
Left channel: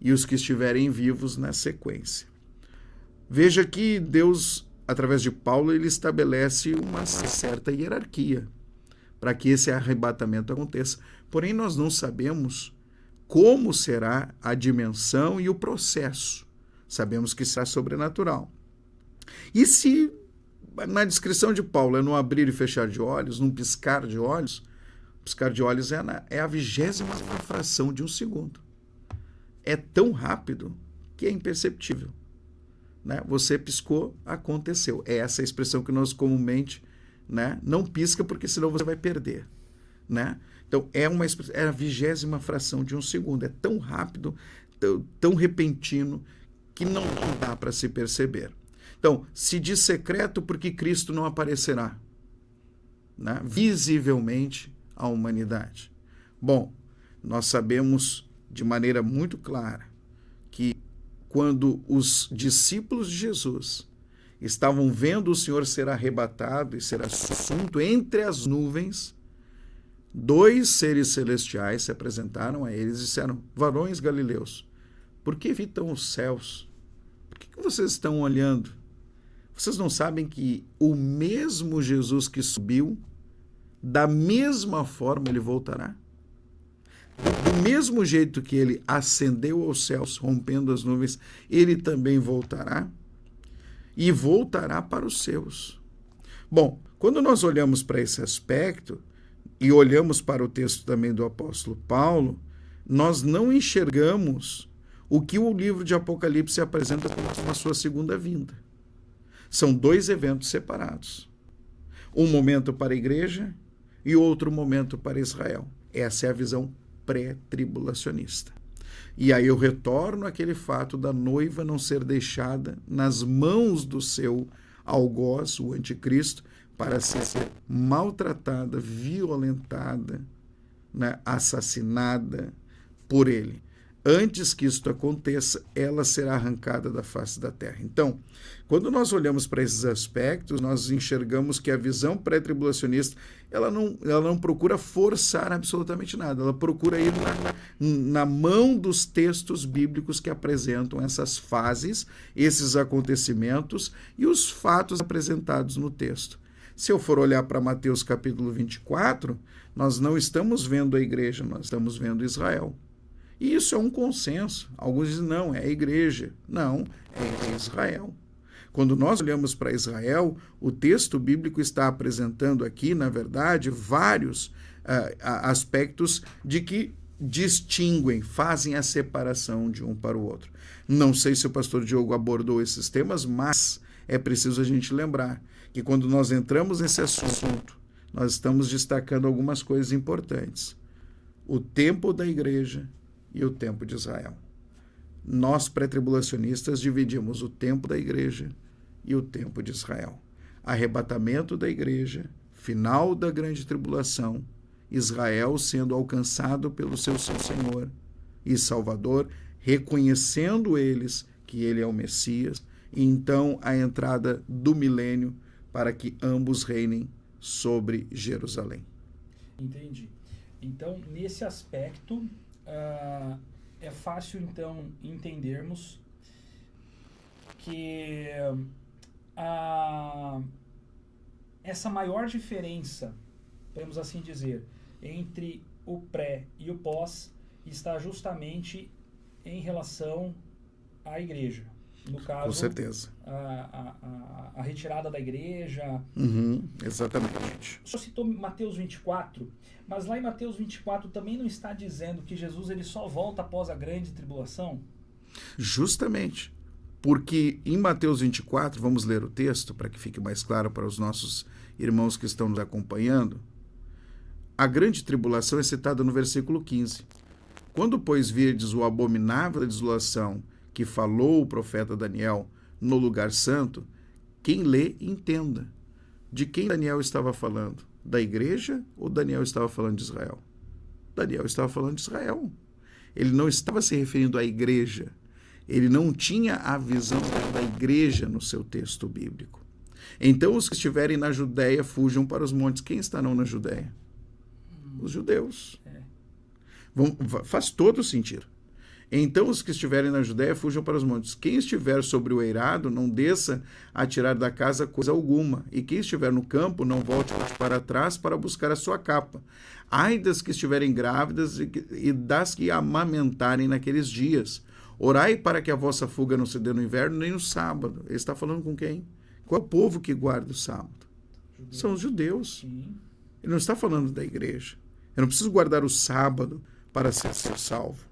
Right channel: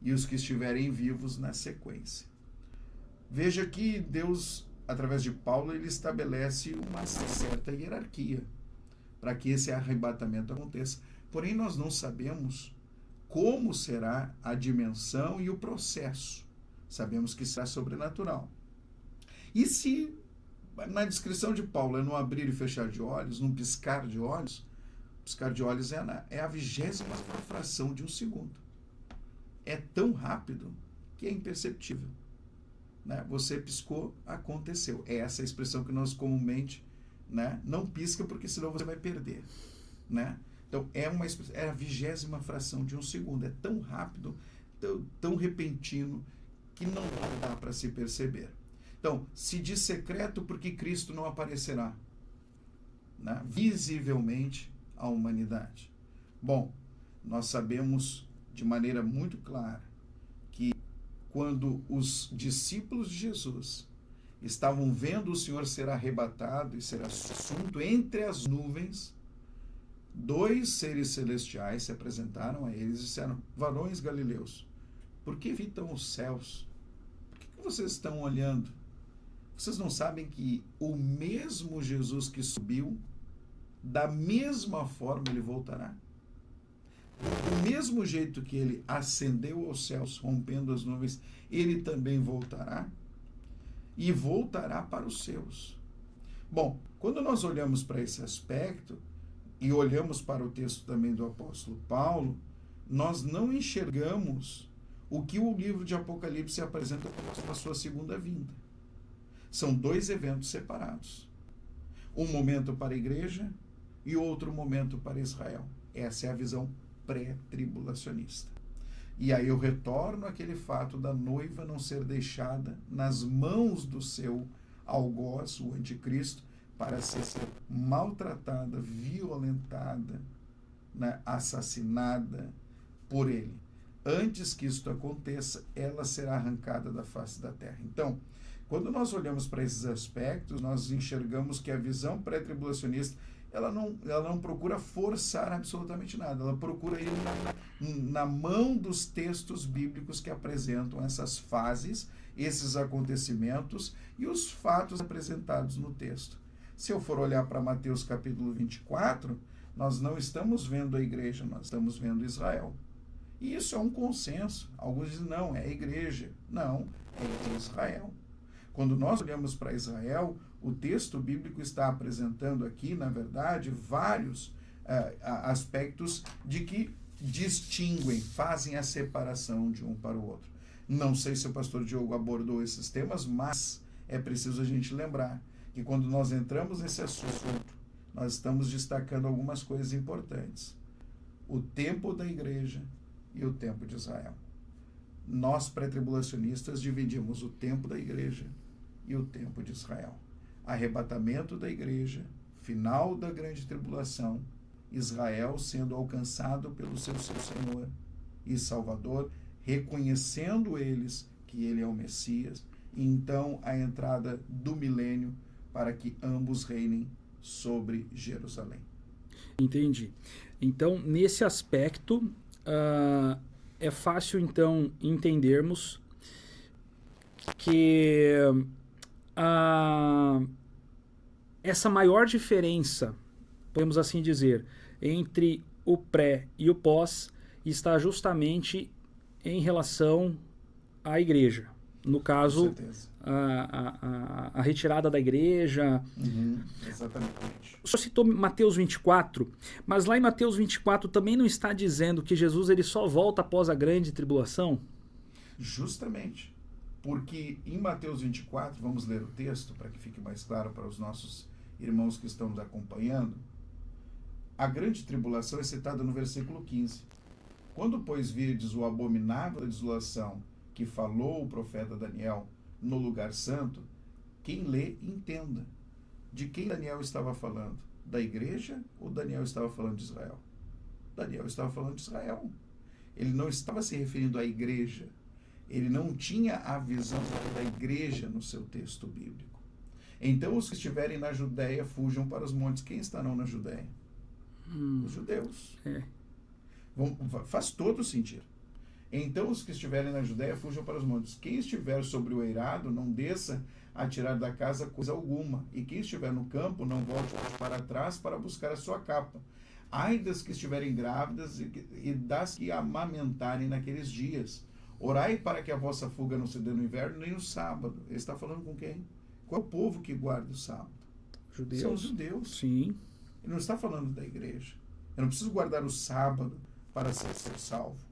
E os que estiverem vivos na sequência. Veja que Deus, através de Paulo, ele estabelece uma certa hierarquia para que esse arrebatamento aconteça. Porém, nós não sabemos como será a dimensão e o processo. Sabemos que será sobrenatural. E se na descrição de Paulo é no abrir e fechar de olhos, num piscar de olhos é a 20ª fração de um segundo. É tão rápido que é imperceptível. Né? Você piscou, aconteceu. É essa a expressão que nós comumente, né, não pisca porque senão você vai perder. Né? Então, é a 20ª fração de um segundo. É tão rápido, tão repentino, que não dá para se perceber. Então, se diz secreto porque Cristo não aparecerá, né, visivelmente à humanidade. Bom, nós sabemos de maneira muito clara que quando os discípulos de Jesus estavam vendo o Senhor ser arrebatado e ser assunto entre as nuvens, 2 seres celestiais se apresentaram a eles e disseram: varões galileus, por que evitam os céus? Por que vocês estão olhando? Vocês não sabem que o mesmo Jesus que subiu, da mesma forma ele voltará? Do mesmo jeito que ele ascendeu aos céus, rompendo as nuvens, ele também voltará e voltará para os seus. Bom, quando nós olhamos para esse aspecto e olhamos para o texto também do apóstolo Paulo, nós não enxergamos o que o livro de Apocalipse apresenta como a sua segunda vinda. São 2 eventos separados. Um momento para a igreja e outro momento para Israel. Essa é a visão pré-tribulacionista. E aí eu retorno àquele fato da noiva não ser deixada nas mãos do seu algoz, o anticristo, para ser maltratada, violentada, né, assassinada por ele. Antes que isto aconteça, ela será arrancada da face da terra. Então, quando nós olhamos para esses aspectos, nós enxergamos que a visão pré-tribulacionista, ela não procura forçar absolutamente nada, ela procura ir na mão dos textos bíblicos que apresentam essas fases, esses acontecimentos e os fatos apresentados no texto. Se eu for olhar para Mateus capítulo 24, nós não estamos vendo a igreja, nós estamos vendo Israel. E isso é um consenso. Alguns dizem, não, é a igreja. Não, é Israel. Quando nós olhamos para Israel, o texto bíblico está apresentando aqui, na verdade, vários aspectos de que distinguem, fazem a separação de um para o outro. Não sei se o pastor Diogo abordou esses temas, mas é preciso a gente lembrar que quando nós entramos nesse assunto, nós estamos destacando algumas coisas importantes. O tempo da igreja e o tempo de Israel. Nós, pré-tribulacionistas, dividimos o tempo da igreja e o tempo de Israel. Arrebatamento da igreja, final da grande tribulação, Israel sendo alcançado pelo seu Senhor e Salvador, reconhecendo eles que ele é o Messias, e então a entrada do milênio para que ambos reinem sobre Jerusalém. Entendi. Então, nesse aspecto, é fácil, então, entendermos que essa maior diferença, podemos assim dizer, entre o pré e o pós está justamente em relação à igreja. No caso, com certeza. A retirada da igreja. Exatamente. O senhor citou Mateus 24, mas lá em Mateus 24 também não está dizendo que Jesus ele só volta após a grande tribulação? Justamente. Porque em Mateus 24, vamos ler o texto para que fique mais claro para os nossos irmãos que estão nos acompanhando. A grande tribulação é citada no versículo 15. Quando, pois, virdes o abominável da desolação que falou o profeta Daniel no lugar santo, quem lê, entenda. De quem Daniel estava falando? Da igreja ou Daniel estava falando de Israel? Daniel estava falando de Israel. Ele não estava se referindo à igreja. Ele não tinha a visão da igreja no seu texto bíblico. Então, os que estiverem na Judéia fujam para os montes. Quem estarão na Judéia? Os judeus. Faz todo sentido. Então, os que estiverem na Judéia fujam para os montes. Quem estiver sobre o eirado, não desça a tirar da casa coisa alguma. E quem estiver no campo, não volte para trás para buscar a sua capa. Ai das que estiverem grávidas e das que amamentarem naqueles dias. Orai para que a vossa fuga não se dê no inverno nem no sábado. Ele está falando com quem? Qual é o povo que guarda o sábado? Judeus. São os judeus. Sim. Ele não está falando da igreja. Eu não preciso guardar o sábado para ser salvo.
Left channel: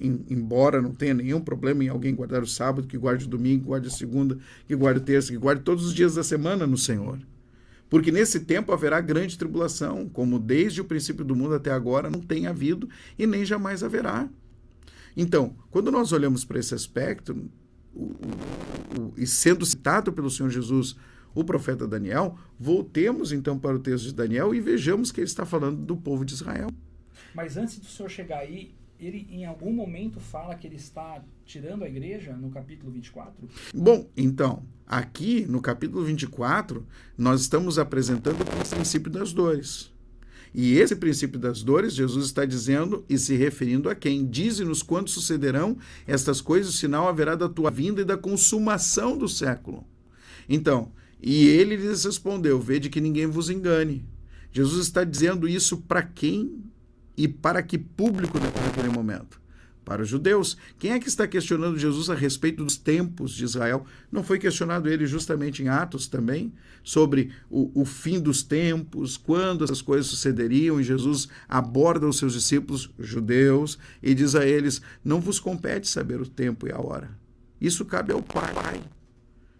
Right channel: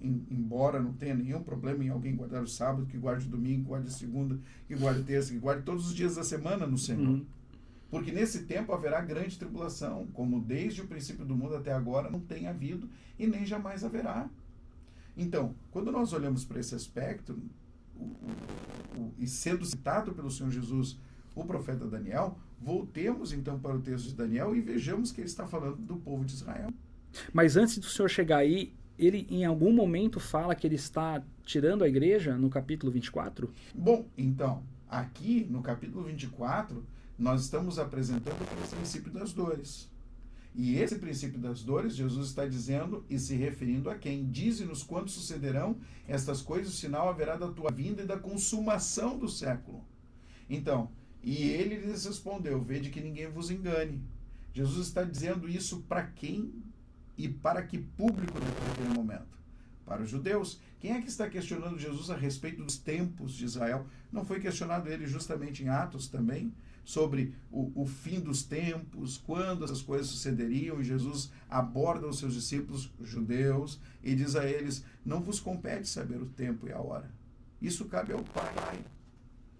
Embora não tenha nenhum problema em alguém guardar o sábado, que guarde o domingo, que guarde a segunda, que guarde a terça, que guarde todos os dias da semana no Senhor. Porque nesse tempo haverá grande tribulação, como desde o princípio do mundo até agora não tem havido e nem jamais haverá. Então, quando nós olhamos para esse aspecto, e sendo citado pelo Senhor Jesus o profeta Daniel, voltemos então para o texto de Daniel e vejamos que ele está falando do povo de Israel. Mas antes do senhor chegar aí, ele em algum momento fala que ele está tirando a igreja no capítulo 24? Bom, então, aqui no capítulo 24, nós estamos apresentando o princípio das dores. E esse princípio das dores, Jesus está dizendo e se referindo a quem? Dize-nos quando sucederão estas coisas, o sinal haverá da tua vinda e da consumação do século. Então, e ele lhes respondeu, vede que ninguém vos engane. Jesus está dizendo isso para quem e para que público naquele momento? Para os judeus. Quem é que está questionando Jesus a respeito dos tempos de Israel? Não foi questionado ele justamente em Atos também? Sobre o fim dos tempos, quando essas coisas sucederiam, e Jesus aborda os seus discípulos judeus e diz a eles, não vos compete saber o tempo e a hora. Isso cabe ao Pai.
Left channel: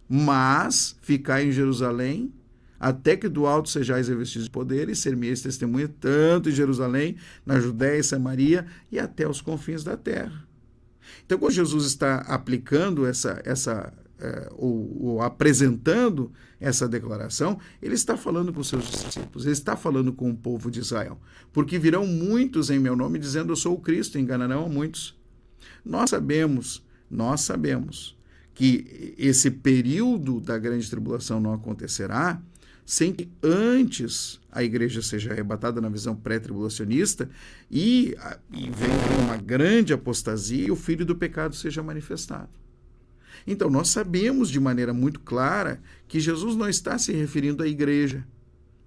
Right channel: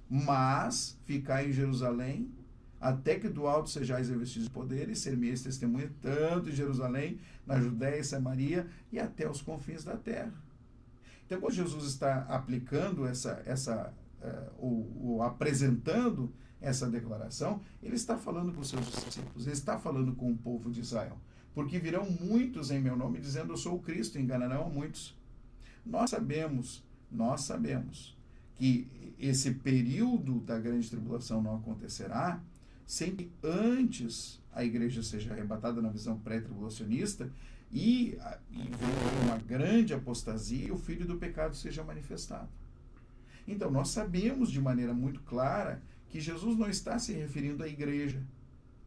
Mas ficar em Jerusalém até que do alto sejais revestidos de poder, e ser-me-eis testemunha tanto em Jerusalém, na Judéia e Samaria, e até os confins da terra. Então, quando Jesus está aplicando ou apresentando essa declaração, ele está falando com os seus discípulos, ele está falando com o povo de Israel. Porque virão muitos em meu nome dizendo eu sou o Cristo, enganarão a muitos. Nós sabemos que esse período da grande tribulação não acontecerá sem que antes a igreja seja arrebatada na visão pré-tribulacionista e venha uma grande apostasia e o filho do pecado seja manifestado. Então, nós sabemos de maneira muito clara que Jesus não está se referindo à igreja.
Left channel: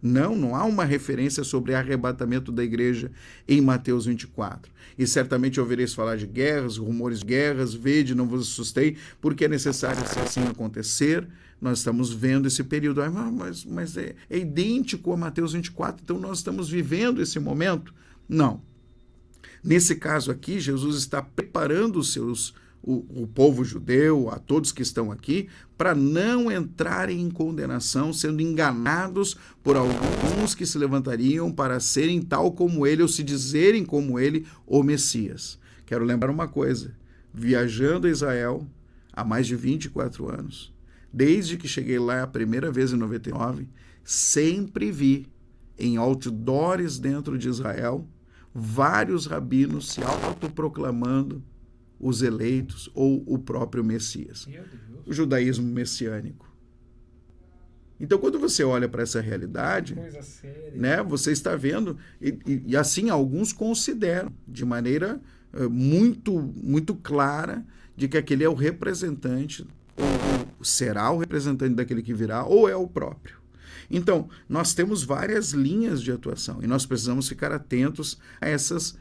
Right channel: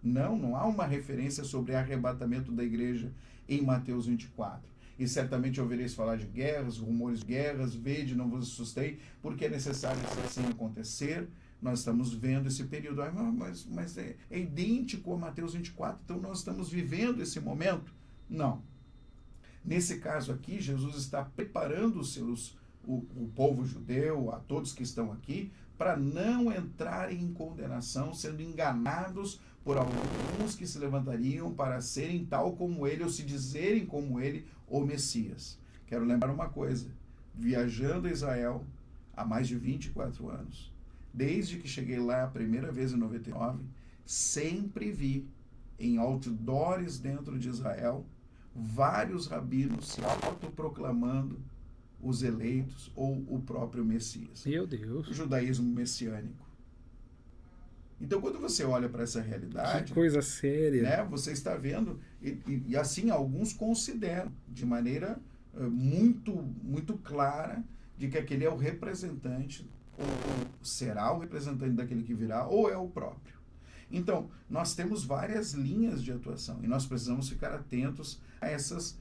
Não há uma referência sobre arrebatamento da igreja em Mateus 24. E certamente ouvireis falar de guerras, rumores de guerras, vede, não vos assustei, porque é necessário se assim acontecer. Nós estamos vendo esse período, mas é idêntico a Mateus 24, então nós estamos vivendo esse momento? Não. Nesse caso aqui, Jesus está preparando o povo judeu, a todos que estão aqui, para não entrarem em condenação, sendo enganados por alguns que se levantariam para serem tal como ele, ou se dizerem como ele, o Messias. Quero lembrar uma coisa, viajando a Israel há mais de 24 anos, desde que cheguei lá a primeira vez em 99, sempre vi em outdoors dentro de Israel vários rabinos se autoproclamando os eleitos ou o próprio Messias. Meu Deus. O judaísmo messiânico. Então, quando você olha para essa realidade, que coisa séria, né, você está vendo, e assim alguns consideram de maneira muito clara de que aquele é o representante, ou será o representante daquele que virá, ou é o próprio. Então, nós temos várias linhas de atuação e nós precisamos ficar atentos a essas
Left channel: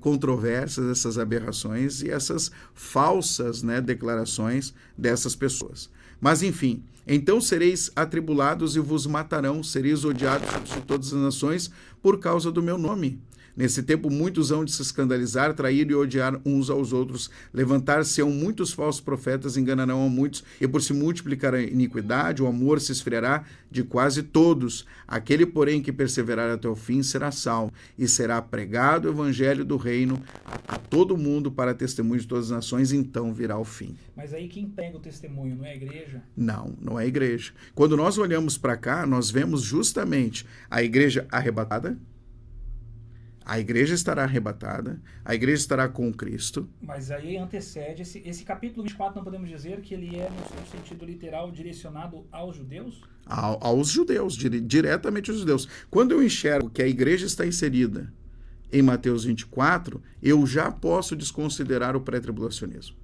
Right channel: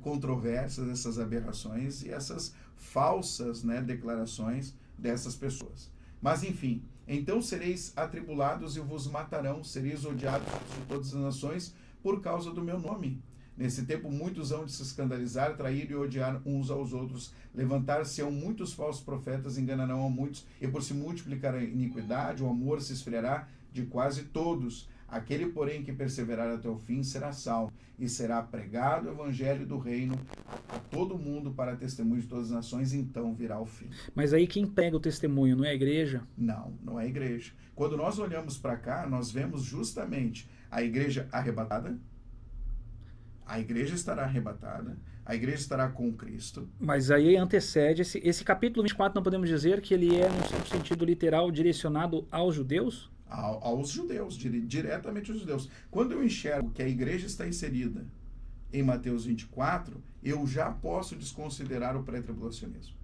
controvérsias, essas aberrações e essas falsas, né, declarações dessas pessoas. Mas, enfim, então sereis atribulados e vos matarão, sereis odiados de todas as nações por causa do meu nome. Nesse tempo, muitos hão de se escandalizar, trair e odiar uns aos outros. Levantar-se-ão muitos falsos profetas, enganarão a muitos, e por se multiplicar a iniquidade, o amor se esfriará de quase todos. Aquele, porém, que perseverar até o fim será salvo, e será pregado o evangelho do reino a todo mundo para testemunho de todas as nações, então virá o fim. Mas aí quem pega o testemunho, não é a igreja? Não é a igreja. Quando nós olhamos para cá, nós vemos justamente a igreja arrebatada. A igreja estará arrebatada, a igreja estará com Cristo. Mas aí antecede, esse capítulo 24, não podemos dizer que ele é, no sentido literal, direcionado aos judeus? Aos judeus, diretamente aos judeus. Quando eu enxergo que a igreja está inserida em Mateus 24, eu já posso desconsiderar o pré-tribulacionismo.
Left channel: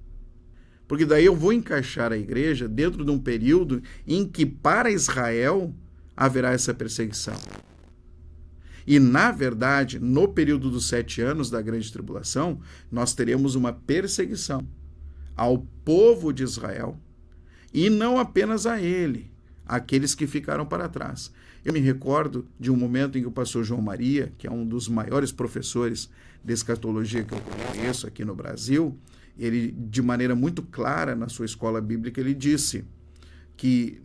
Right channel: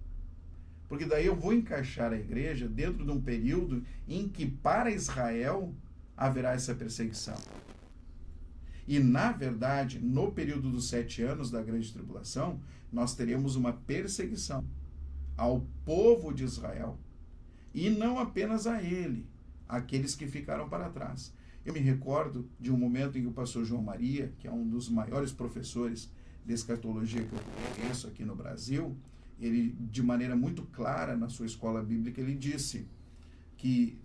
Porque daí eu vou encaixar a igreja dentro de um período em que para Israel haverá essa perseguição. E, na verdade, no período dos 7 anos da grande tribulação, nós teremos uma perseguição ao povo de Israel e não apenas a ele, aqueles que ficaram para trás. Eu me recordo de um momento em que o pastor João Maria, que é um dos maiores professores de escatologia que eu conheço aqui no Brasil, ele, de maneira muito clara na sua escola bíblica, ele disse que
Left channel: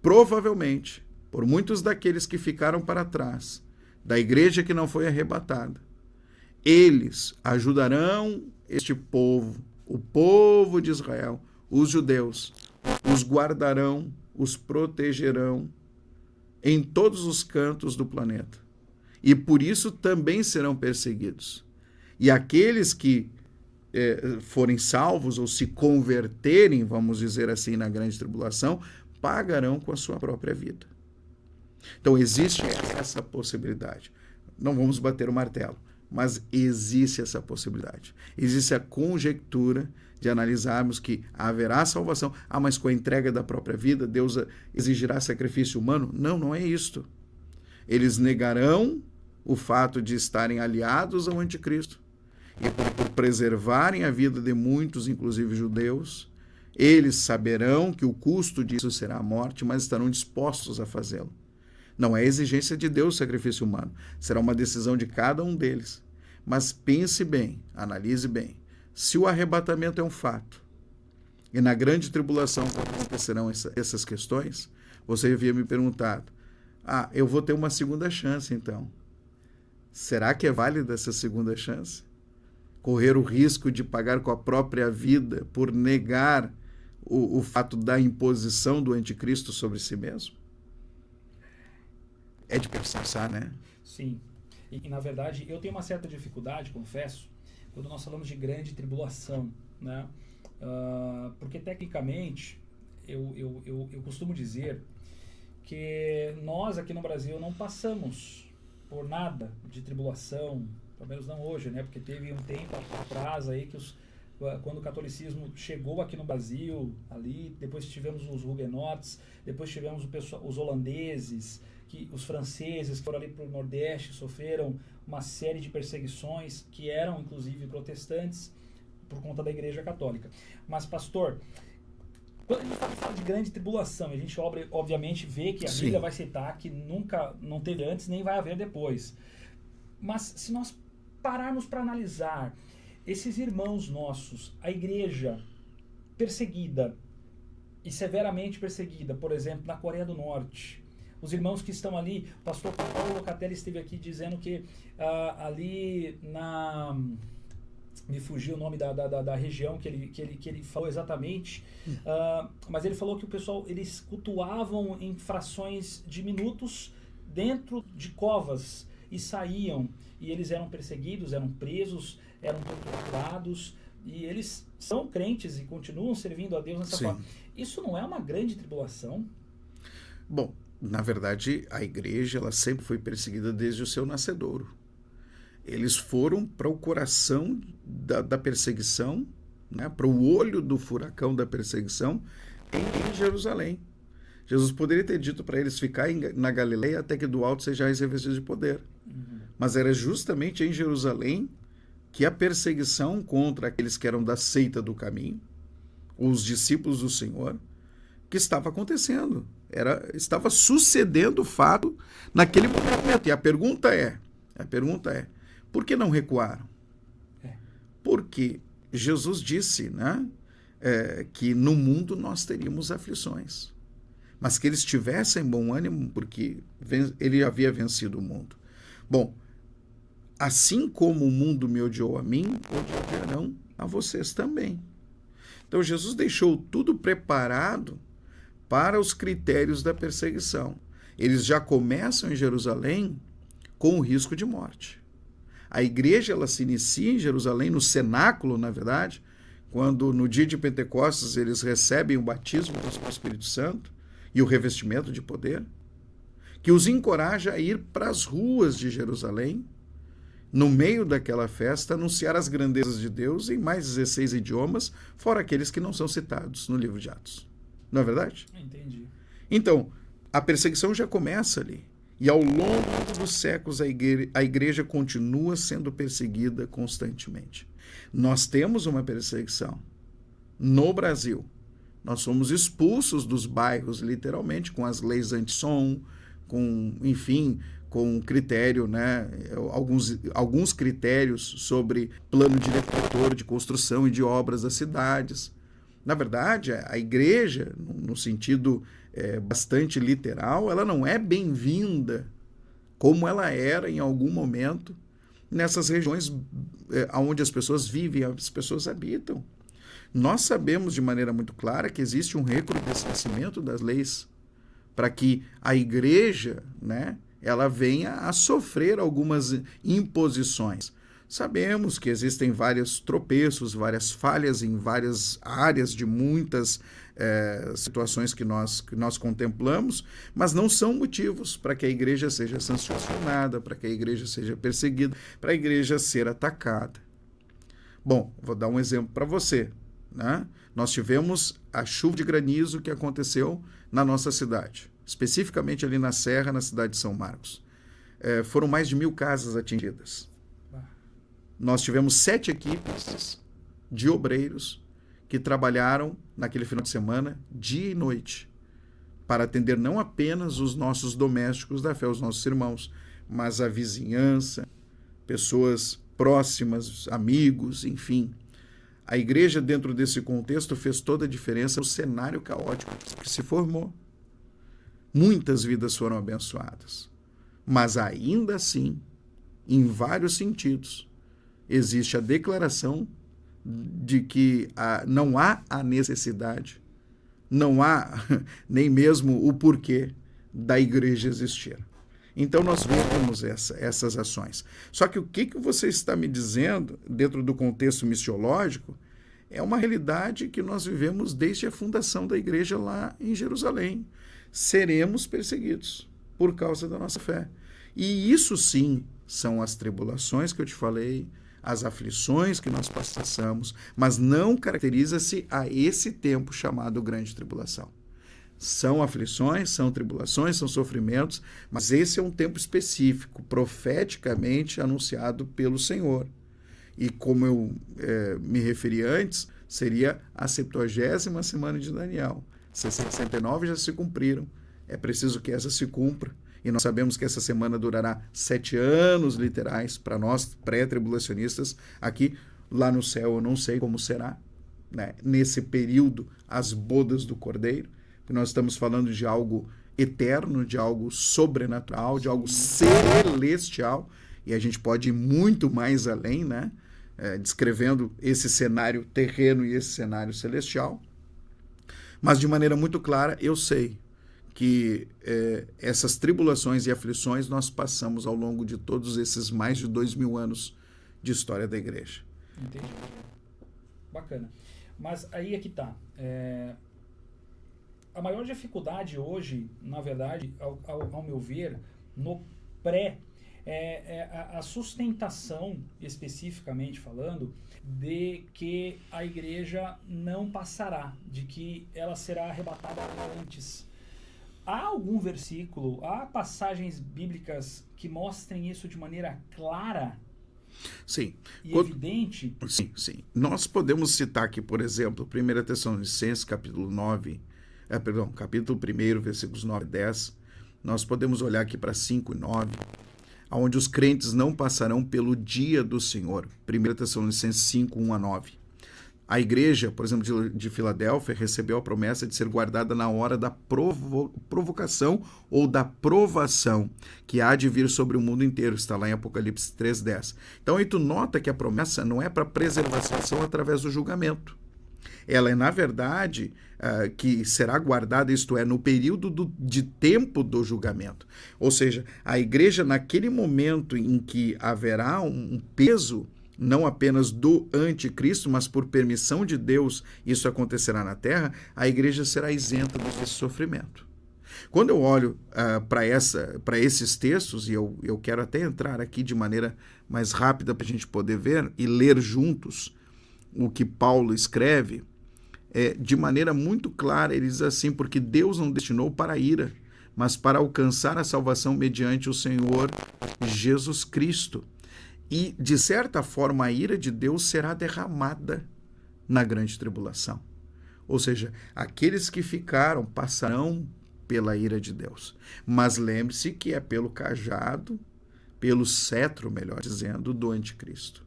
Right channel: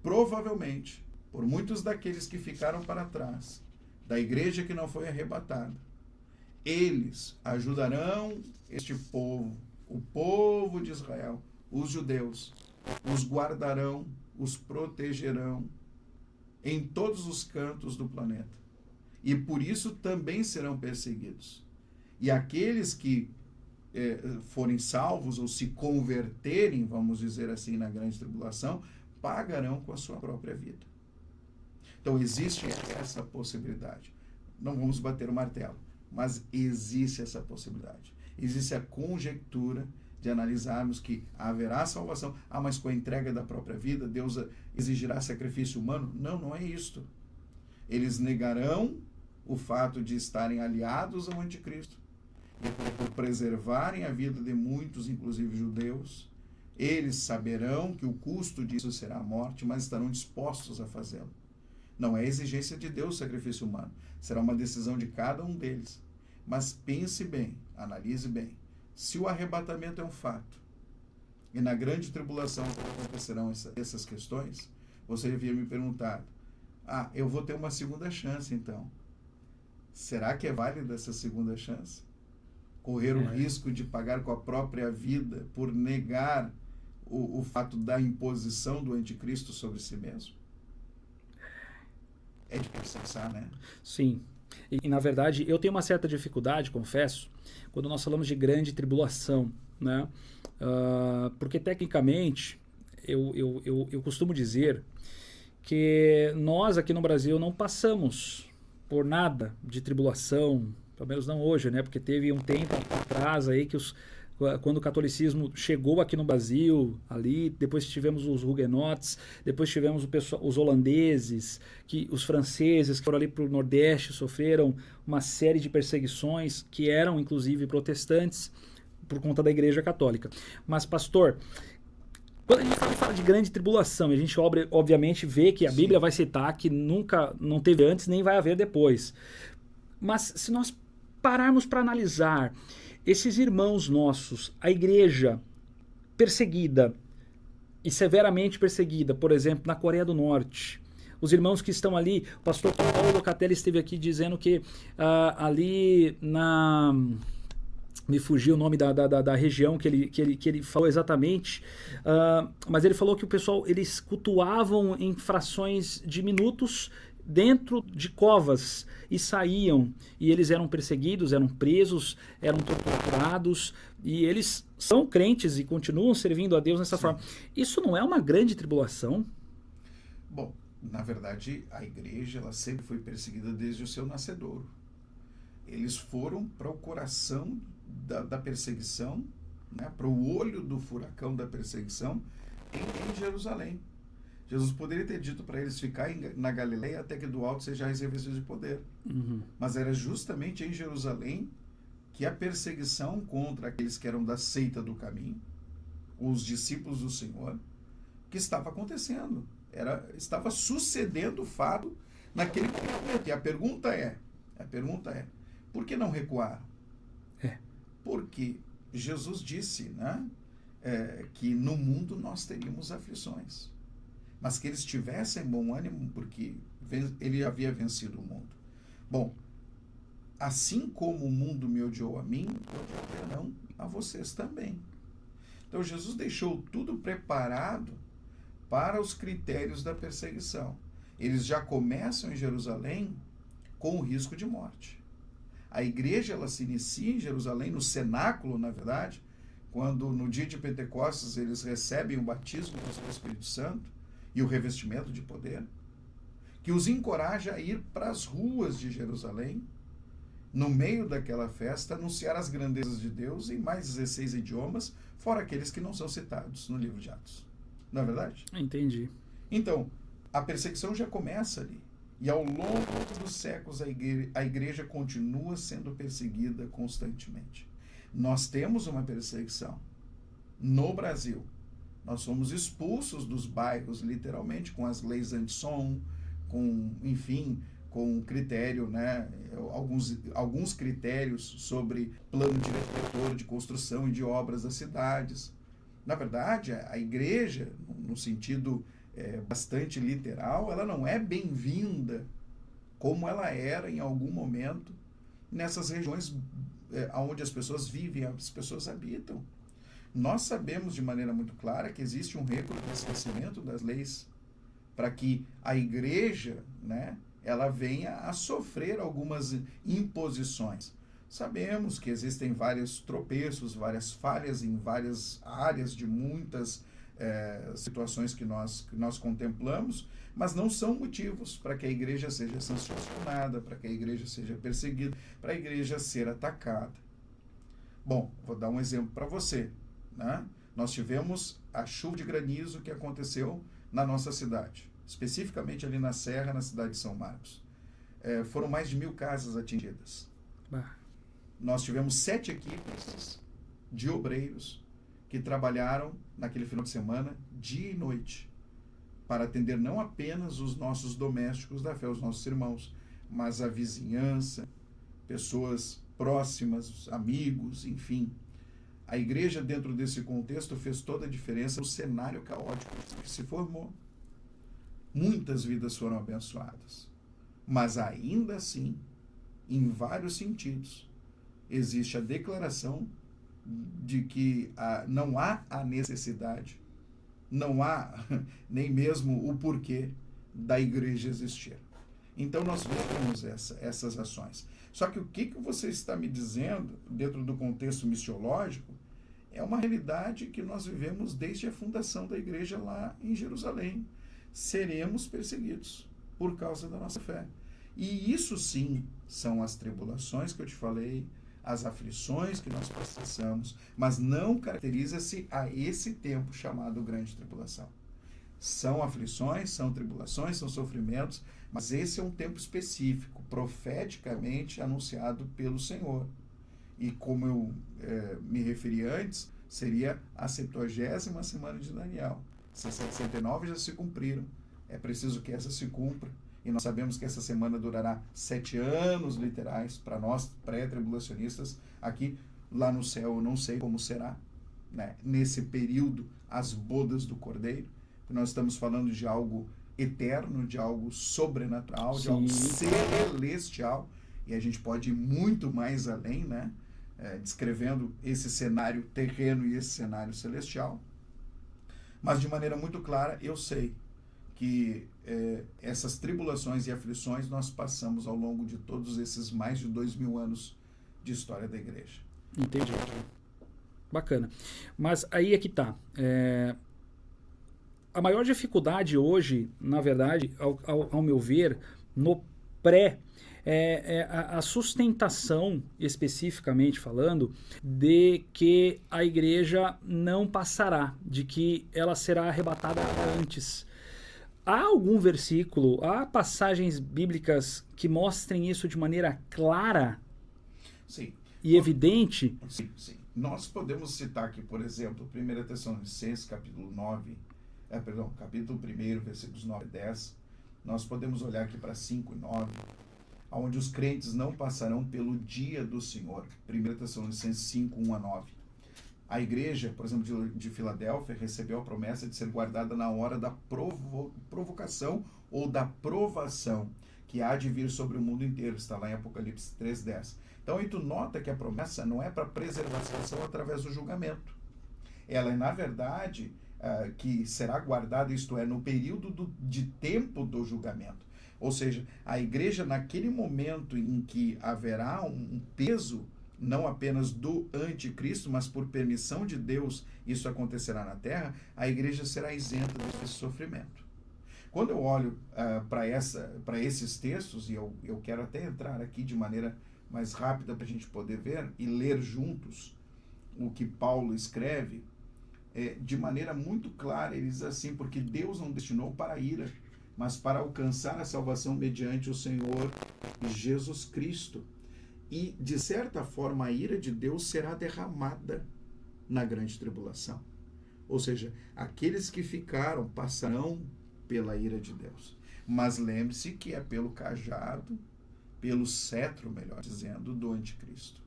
provavelmente, por muitos daqueles que ficaram para trás, da igreja que não foi arrebatada, eles ajudarão este povo, o povo de Israel, os judeus, os guardarão, os protegerão em todos os cantos do planeta. E por isso também serão perseguidos. E aqueles que forem salvos ou se converterem, vamos dizer assim, na grande tribulação, pagarão com a sua própria vida. Então, existe essa possibilidade. Não vamos bater o martelo, mas existe essa possibilidade. Existe a conjectura de analisarmos que haverá salvação. Mas com a entrega da própria vida, Deus exigirá sacrifício humano? Não é isto. Eles negarão o fato de estarem aliados ao anticristo. E por preservarem a vida de muitos, inclusive judeus, eles saberão que o custo disso será a morte, mas estarão dispostos a fazê-lo. Não é exigência de Deus o sacrifício humano. Será uma decisão de cada um deles. Mas pense bem, analise bem. Se o arrebatamento é um fato, e na grande tribulação acontecerão essas questões, você havia me perguntado, eu vou ter uma segunda chance, então. Será que é válida essa segunda chance? Correr o risco de pagar com a própria vida por negar o fato da imposição do anticristo sobre si mesmo? É de pensar, né? Sim. E, na verdade, eu tenho uma certa dificuldade, confesso, quando nós falamos de grande tribulação, né? Porque, tecnicamente, eu costumo dizer que nós, aqui no Brasil, não passamos por nada de tribulação, pelo menos não hoje, né? Porque teve um tempo atrás aí que quando o catolicismo chegou aqui no Brasil, ali, depois tivemos os huguenotes, depois tivemos os holandeses, os franceses que foram ali para o Nordeste, sofreram uma série de perseguições que eram, inclusive, protestantes por conta da Igreja Católica. Mas, pastor, quando a gente fala de grande tribulação, a gente obviamente vê que a Bíblia vai citar que nunca, não teve antes, nem vai haver depois. Mas se nós pararmos para analisar esses irmãos nossos, a igreja perseguida e severamente perseguida, por exemplo, na Coreia do Norte, os irmãos que estão ali, o pastor Paulo Locatelli esteve aqui dizendo que ali na... Me fugiu o nome da região que ele falou exatamente, mas ele falou que o pessoal, eles cultuavam em frações de minutos dentro de covas e saíam, e eles eram perseguidos, eram presos, eram torturados, e eles são crentes e continuam servindo a Deus nessa forma. Isso não é uma grande tribulação? Bom, na verdade, a igreja ela sempre foi perseguida desde o seu nascedouro. Eles foram para o coração da perseguição, né, para o olho do furacão da perseguição em Jerusalém. Jesus poderia ter dito para eles ficarem na Galileia até que do alto sejais revestidos de poder. Mas era justamente em Jerusalém que a perseguição contra aqueles que eram da seita do caminho, os discípulos do Senhor, que estava acontecendo. Estava sucedendo o fato naquele momento. E a pergunta é, por que não recuaram? Porque Jesus disse, né, que no mundo nós teríamos aflições, mas que eles tivessem bom ânimo, porque ele havia vencido o mundo. Bom, assim como o mundo me odiou a mim, odiarão a vocês também. Então Jesus deixou tudo preparado para os critérios da perseguição. Eles já começam em Jerusalém com o risco de morte. A igreja ela se inicia em Jerusalém, no cenáculo, na verdade, quando no dia de Pentecostes eles recebem o batismo do Espírito Santo e o revestimento de poder, que os encoraja a ir para as ruas de Jerusalém, no meio daquela festa, anunciar as grandezas de Deus em mais 16 idiomas, fora aqueles que não são citados no livro de Atos. Não é verdade? Entendi. Então, a perseguição já começa ali. E ao longo dos séculos, a igreja continua sendo perseguida constantemente. Nós temos uma perseguição no Brasil. Nós somos expulsos dos bairros, literalmente, com as leis anti-som, com critério, né, alguns critérios sobre plano diretor de construção e de obras das cidades. Na verdade, a igreja, no sentido bastante literal, ela não é bem-vinda como ela era em algum momento nessas regiões onde as pessoas vivem, as pessoas habitam. Nós sabemos de maneira muito clara que existe um recrudescimento das leis para que a igreja, né, ela venha a sofrer algumas imposições. Sabemos que existem vários tropeços, várias falhas em várias áreas de muitas situações que nós contemplamos, mas não são motivos para que a igreja seja sancionada, para que a igreja seja perseguida, para a igreja ser atacada. Bom, vou dar um exemplo para você, né? Nós tivemos a chuva de granizo que aconteceu na nossa cidade, especificamente ali na Serra, na cidade de São Marcos. Foram mais de 1.000 casas atingidas. Nós tivemos 7 equipes de obreiros que trabalharam naquele final de semana, dia e noite, para atender não apenas os nossos domésticos da fé, os nossos irmãos, mas a vizinhança, pessoas próximas, amigos, enfim. A igreja, dentro desse contexto, fez toda a diferença no cenário caótico que se formou. muitas vidas foram abençoadas. Mas ainda assim, em vários sentidos, existe a declaração de que não há a necessidade, não há nem mesmo o porquê da igreja existir. Então, nós vemos essas ações. Só que o que você está me dizendo, dentro do contexto missiológico, é uma realidade que nós vivemos desde a fundação da igreja lá em Jerusalém. Seremos perseguidos por causa da nossa fé. E isso sim são as tribulações que eu te falei, as aflições que nós passamos, mas não caracteriza-se a esse tempo chamado grande tribulação. São aflições, são tribulações, são sofrimentos, mas esse é um tempo específico, profeticamente anunciado pelo Senhor. E como eu me referi antes, seria a 70ª semana de Daniel. 69 já se cumpriram, é preciso que essa se cumpra. E nós sabemos que essa semana durará 7 anos literais para nós, pré-tribulacionistas, aqui. Lá no céu eu não sei como será, né? Nesse período, as bodas do Cordeiro. Nós estamos falando de algo eterno, de algo sobrenatural, Sim. de algo celestial, e a gente pode ir muito mais além, né? Descrevendo esse cenário terreno e esse cenário celestial. Mas de maneira muito clara, eu sei que essas tribulações e aflições nós passamos ao longo de todos esses mais de 2000 anos de história da igreja. Entendi. Bacana. Mas aí é que tá. A maior dificuldade hoje, na verdade, ao meu ver, no pré, é a sustentação, especificamente falando, de que a igreja não passará, de que ela será arrebatada antes. Há algum versículo, há passagens bíblicas que mostrem isso de maneira clara? Sim. E evidente? Sim, sim. Nós podemos citar aqui, por exemplo, 1 Tessalonicenses, capítulo 1, versículos 9 e 10. Nós podemos olhar aqui para 5 e 9, onde os crentes não passarão pelo dia do Senhor. 1 Tessalonicenses 5, 1 a 9. A igreja, por exemplo, de Filadélfia, recebeu a promessa de ser guardada na hora da provocação ou da provação, que há de vir sobre o mundo inteiro. Está lá em Apocalipse 3:10. Então, aí tu nota que a promessa não é para preservação através do julgamento. Ela é, na verdade, que será guardada, isto é, no período de tempo do julgamento. Ou seja, a igreja, naquele momento em que haverá um peso, não apenas do anticristo, mas por permissão de Deus, isso acontecerá na terra, a igreja será isenta desse sofrimento. Quando eu olho para esses textos, e eu quero até entrar aqui de maneira mais rápida para a gente poder ver e ler juntos o que Paulo escreve, de maneira muito clara, ele diz assim: porque Deus não destinou para a ira, mas para alcançar a salvação mediante o Senhor Jesus Cristo. E, de certa forma, a ira de Deus será derramada na grande tribulação. Ou seja, aqueles que ficaram passarão pela ira de Deus. Mas lembre-se que é pelo cajado, pelo cetro, melhor dizendo, do anticristo.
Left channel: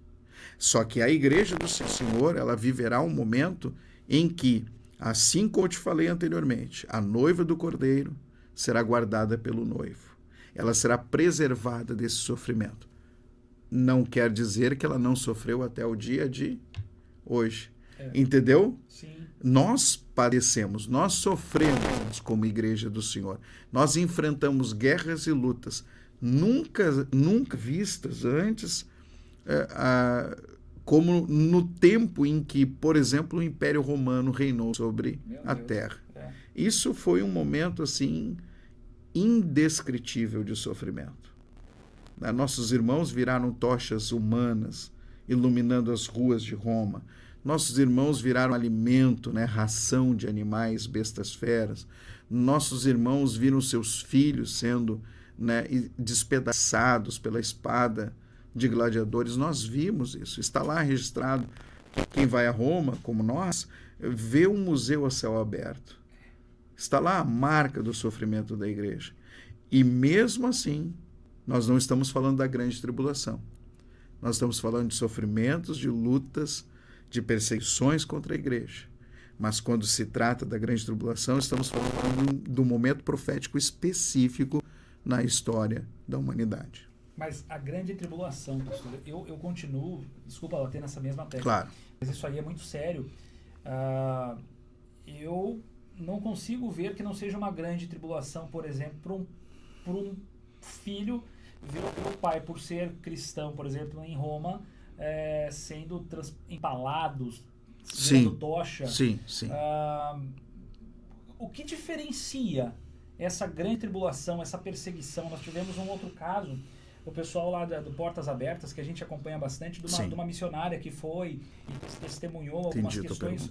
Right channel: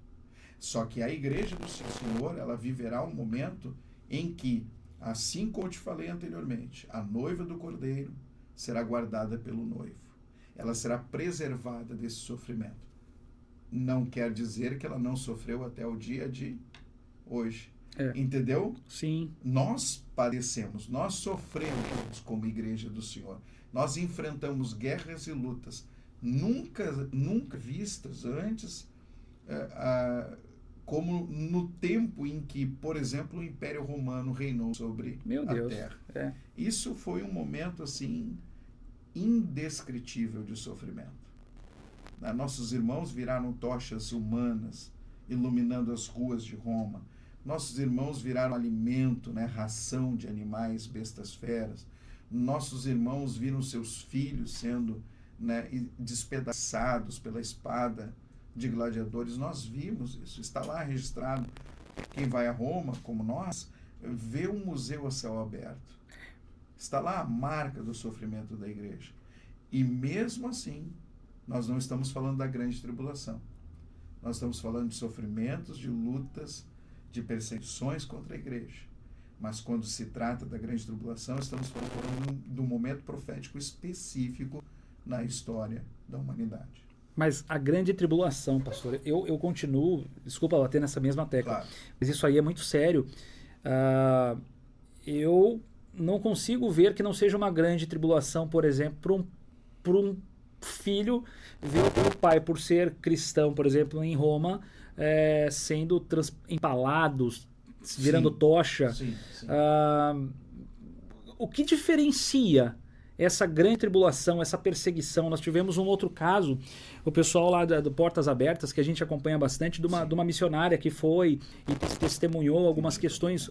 Só que a igreja do Senhor, ela viverá um momento em que, assim como eu te falei anteriormente, a noiva do Cordeiro será guardada pelo noivo. Ela será preservada desse sofrimento. Não quer dizer que ela não sofreu até o dia de hoje. Entendeu? Sim. Nós padecemos, nós sofremos como igreja do Senhor. Nós enfrentamos guerras e lutas nunca vistas antes, como no tempo em que, por exemplo, o Império Romano reinou sobre a terra. Isso foi um momento assim indescritível de sofrimento. Nossos irmãos viraram tochas humanas, iluminando as ruas de Roma. Nossos irmãos viraram alimento, ração de animais, bestas feras. Nossos irmãos viram seus filhos sendo despedaçados pela espada de gladiadores. Nós vimos isso. Está lá registrado. Quem vai a Roma, como nós, vê um museu a céu aberto. Está lá a marca do sofrimento da igreja. E mesmo assim, nós não estamos falando da grande tribulação. Nós estamos falando de sofrimentos, de lutas, de perseguições contra a igreja. Mas quando se trata da grande tribulação, estamos falando do momento profético específico na história da humanidade. Mas a grande tribulação, pastor, eu continuo, desculpa bater nessa mesma tecla, Claro. mas isso aí é muito sério. Eu não consigo ver que não seja uma grande tribulação, por exemplo, para um filho ver o pai, por ser cristão, por exemplo, em Roma, sendo empalados, virando tocha. Sim, sim. O que diferencia essa grande tribulação, essa perseguição? Nós tivemos um outro caso, o pessoal lá do Portas Abertas, que a gente acompanha bastante, de uma missionária que foi e testemunhou algumas questões.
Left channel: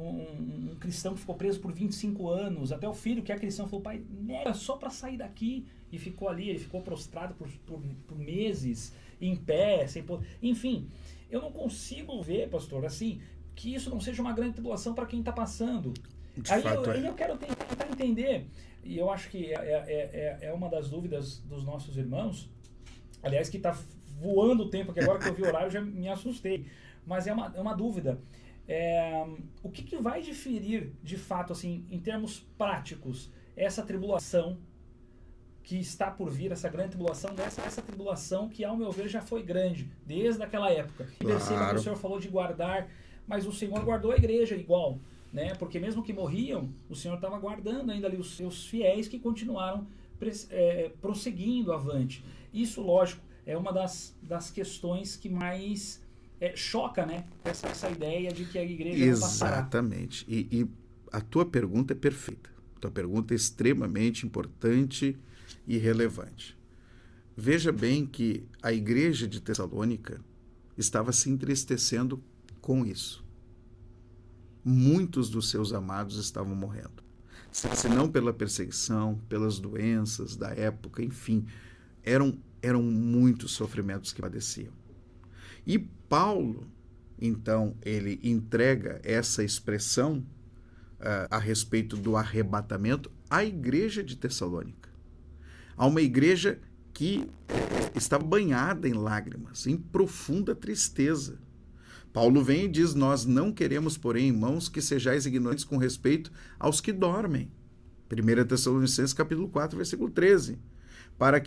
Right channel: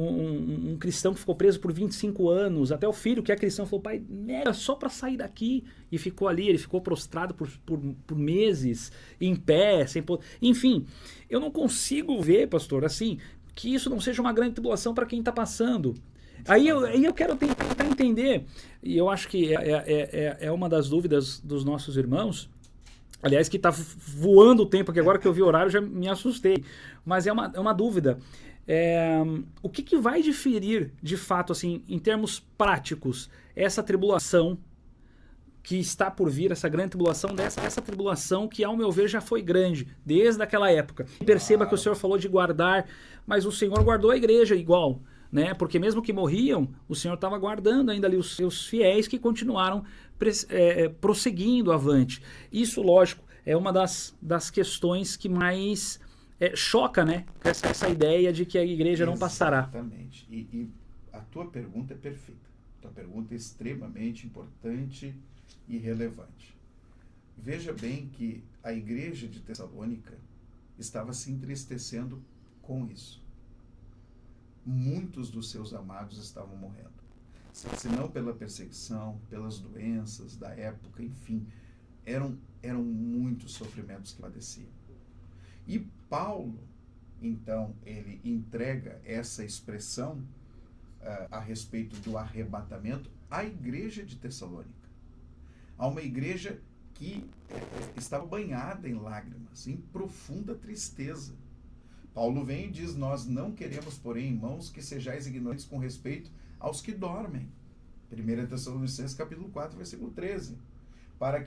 Um cristão que ficou preso por 25 anos, até o filho que é cristão falou: pai, nega só para sair daqui, e ficou ali, ele ficou prostrado por meses, em pé, sem poder. Enfim, eu não consigo ver, pastor, assim, que isso não seja uma grande tribulação para quem está passando. Aí eu quero tentar entender, e eu acho que é uma das dúvidas dos nossos irmãos, aliás, que está voando o tempo aqui, agora que eu vi o horário já me assustei, mas é uma dúvida. O que vai diferir, de fato, assim, em termos práticos, essa tribulação que está por vir, essa grande tribulação, essa tribulação que, ao meu ver, já foi grande, desde aquela época. Claro. Perceba que o Senhor falou de guardar, mas o Senhor guardou a igreja igual, né? Porque mesmo que morriam, o Senhor estava guardando ainda ali os seus fiéis que continuaram prosseguindo avante. Isso, lógico, é uma das questões que mais choca, né? Essa ideia de que a igreja não passará. Exatamente. E a tua pergunta é perfeita. A tua pergunta é extremamente importante e relevante. Veja bem que a igreja de Tessalônica estava se entristecendo com isso. Muitos dos seus amados estavam morrendo. Se não pela perseguição, pelas doenças da época, enfim, eram muitos sofrimentos que padeciam. E Paulo, então, ele entrega essa expressão a respeito do arrebatamento à igreja de Tessalônica. A uma igreja que estava banhada em lágrimas, em profunda tristeza. Paulo vem e diz: nós não queremos, porém, irmãos, que sejais ignorantes com respeito aos que dormem. 1 Tessalonicenses capítulo 4, versículo 13. Para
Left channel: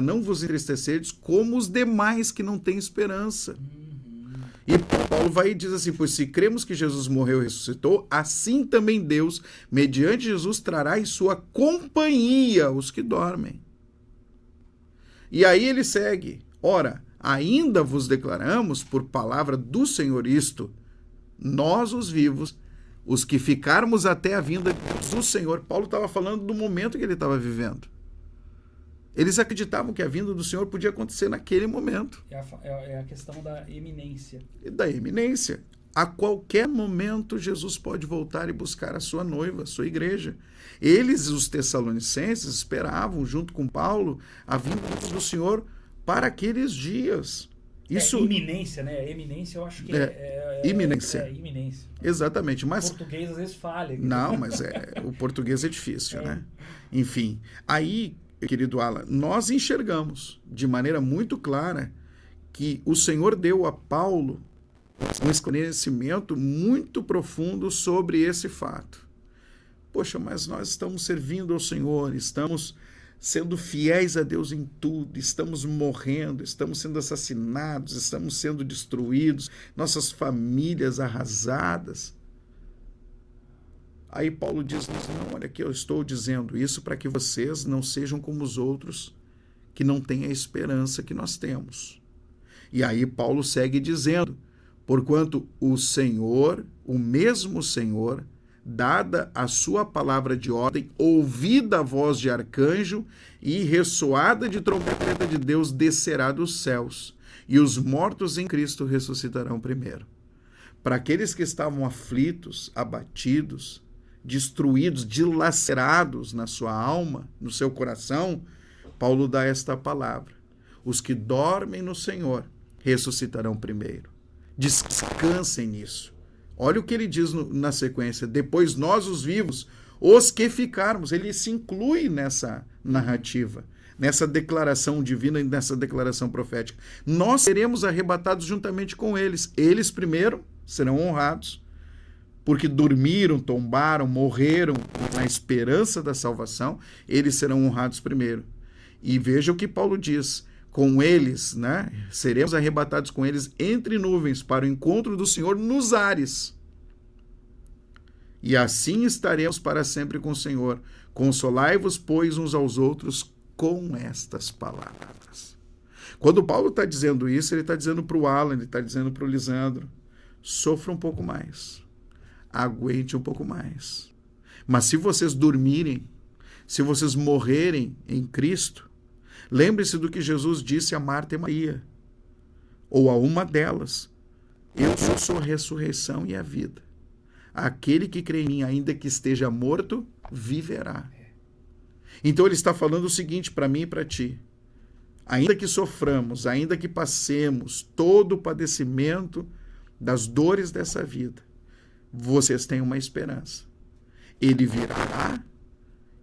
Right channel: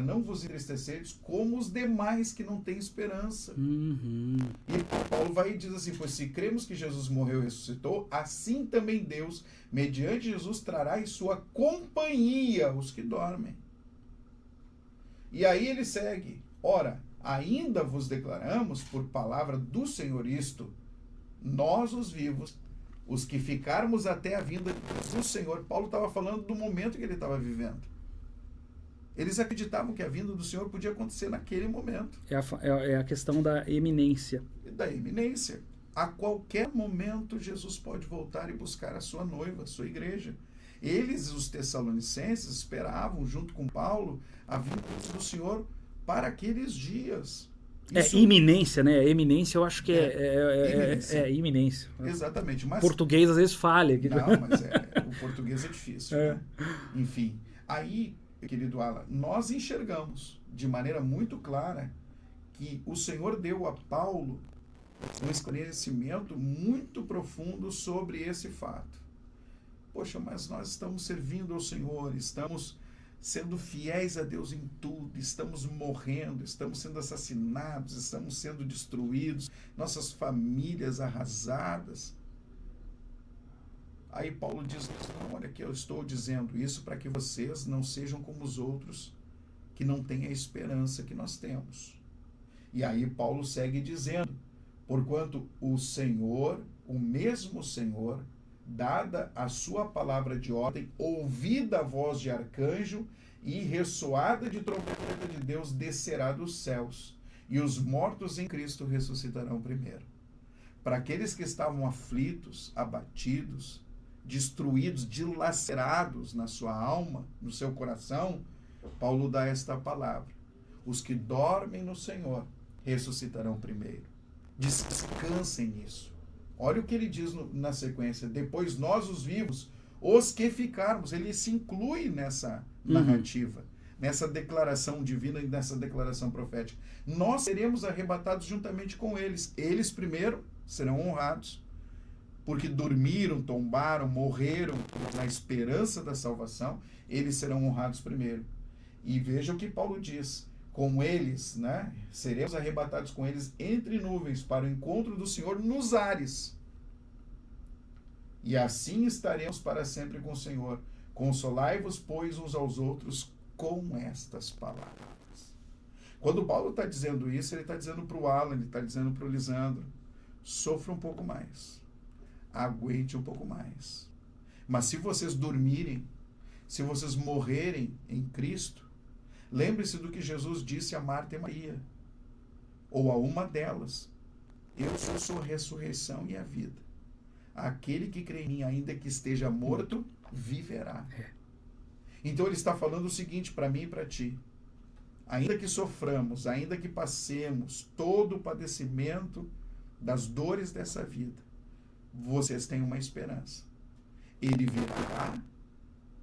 não vos entristecerdes como os demais que não têm esperança. Uhum. E Paulo vai e diz assim: pois se cremos que Jesus morreu e ressuscitou, assim também Deus, mediante Jesus, trará em sua companhia os que dormem. E aí ele segue: ora, ainda vos declaramos por palavra do Senhor isto, nós os vivos, os que ficarmos até a vinda do Senhor. Paulo estava falando do momento que ele estava vivendo. Eles acreditavam que a vinda do Senhor podia acontecer naquele momento. É a questão da eminência. Da eminência. A qualquer momento, Jesus pode voltar e buscar a sua noiva, a sua igreja. Eles, os tessalonicenses, esperavam, junto com Paulo, a vinda do Senhor para aqueles dias. Isso... iminência, né? Eminência, eu acho que iminência. Iminência. Exatamente. Mas... O português, às vezes, falha. Não, mas o português é difícil, né? Enfim, aí... Querido Alan, nós enxergamos de maneira muito clara que o Senhor deu a Paulo um esclarecimento muito profundo sobre esse fato. Poxa, mas nós estamos servindo ao Senhor, estamos sendo fiéis a Deus em tudo, estamos morrendo, estamos sendo assassinados, estamos sendo destruídos, nossas famílias arrasadas. Aí Paulo diz: não, olha aqui, eu estou dizendo isso para que vocês não sejam como os outros, que não têm a esperança que nós temos. E aí Paulo segue dizendo: porquanto o Senhor, o mesmo Senhor, dada a sua palavra de ordem, ouvida a voz de arcanjo e ressoada de trombeta de Deus, descerá dos céus, e os mortos em Cristo ressuscitarão primeiro. Para aqueles que estavam aflitos, abatidos, destruídos, dilacerados na sua alma, no seu coração, Paulo dá esta palavra: os que dormem no Senhor ressuscitarão primeiro. Descansem nisso. Olha o que ele diz na sequência: depois nós, os vivos, os que ficarmos. Ele se inclui nessa narrativa, nessa declaração divina e nessa declaração profética. Nós seremos arrebatados juntamente com eles. Eles primeiro serão honrados, porque dormiram, tombaram, morreram na esperança da salvação, eles serão honrados primeiro. E veja o que Paulo diz: com eles, né, seremos arrebatados com eles entre nuvens para o encontro do Senhor nos ares. E assim estaremos para sempre com o Senhor. Consolai-vos, pois, uns aos outros com estas palavras. Quando Paulo está dizendo isso, ele está dizendo para o Alan, ele está dizendo para o Lisandro: sofra um pouco mais, aguente um pouco mais. Mas se vocês dormirem, se vocês morrerem em Cristo, lembre-se do que Jesus disse a Marta e Maria, ou a uma delas: eu sou a ressurreição e a vida. Aquele que crê em mim, ainda que esteja morto, viverá. Então ele está falando o seguinte para mim e para ti: ainda que soframos, ainda que passemos todo o padecimento das dores dessa vida, vocês têm uma esperança. Ele virá,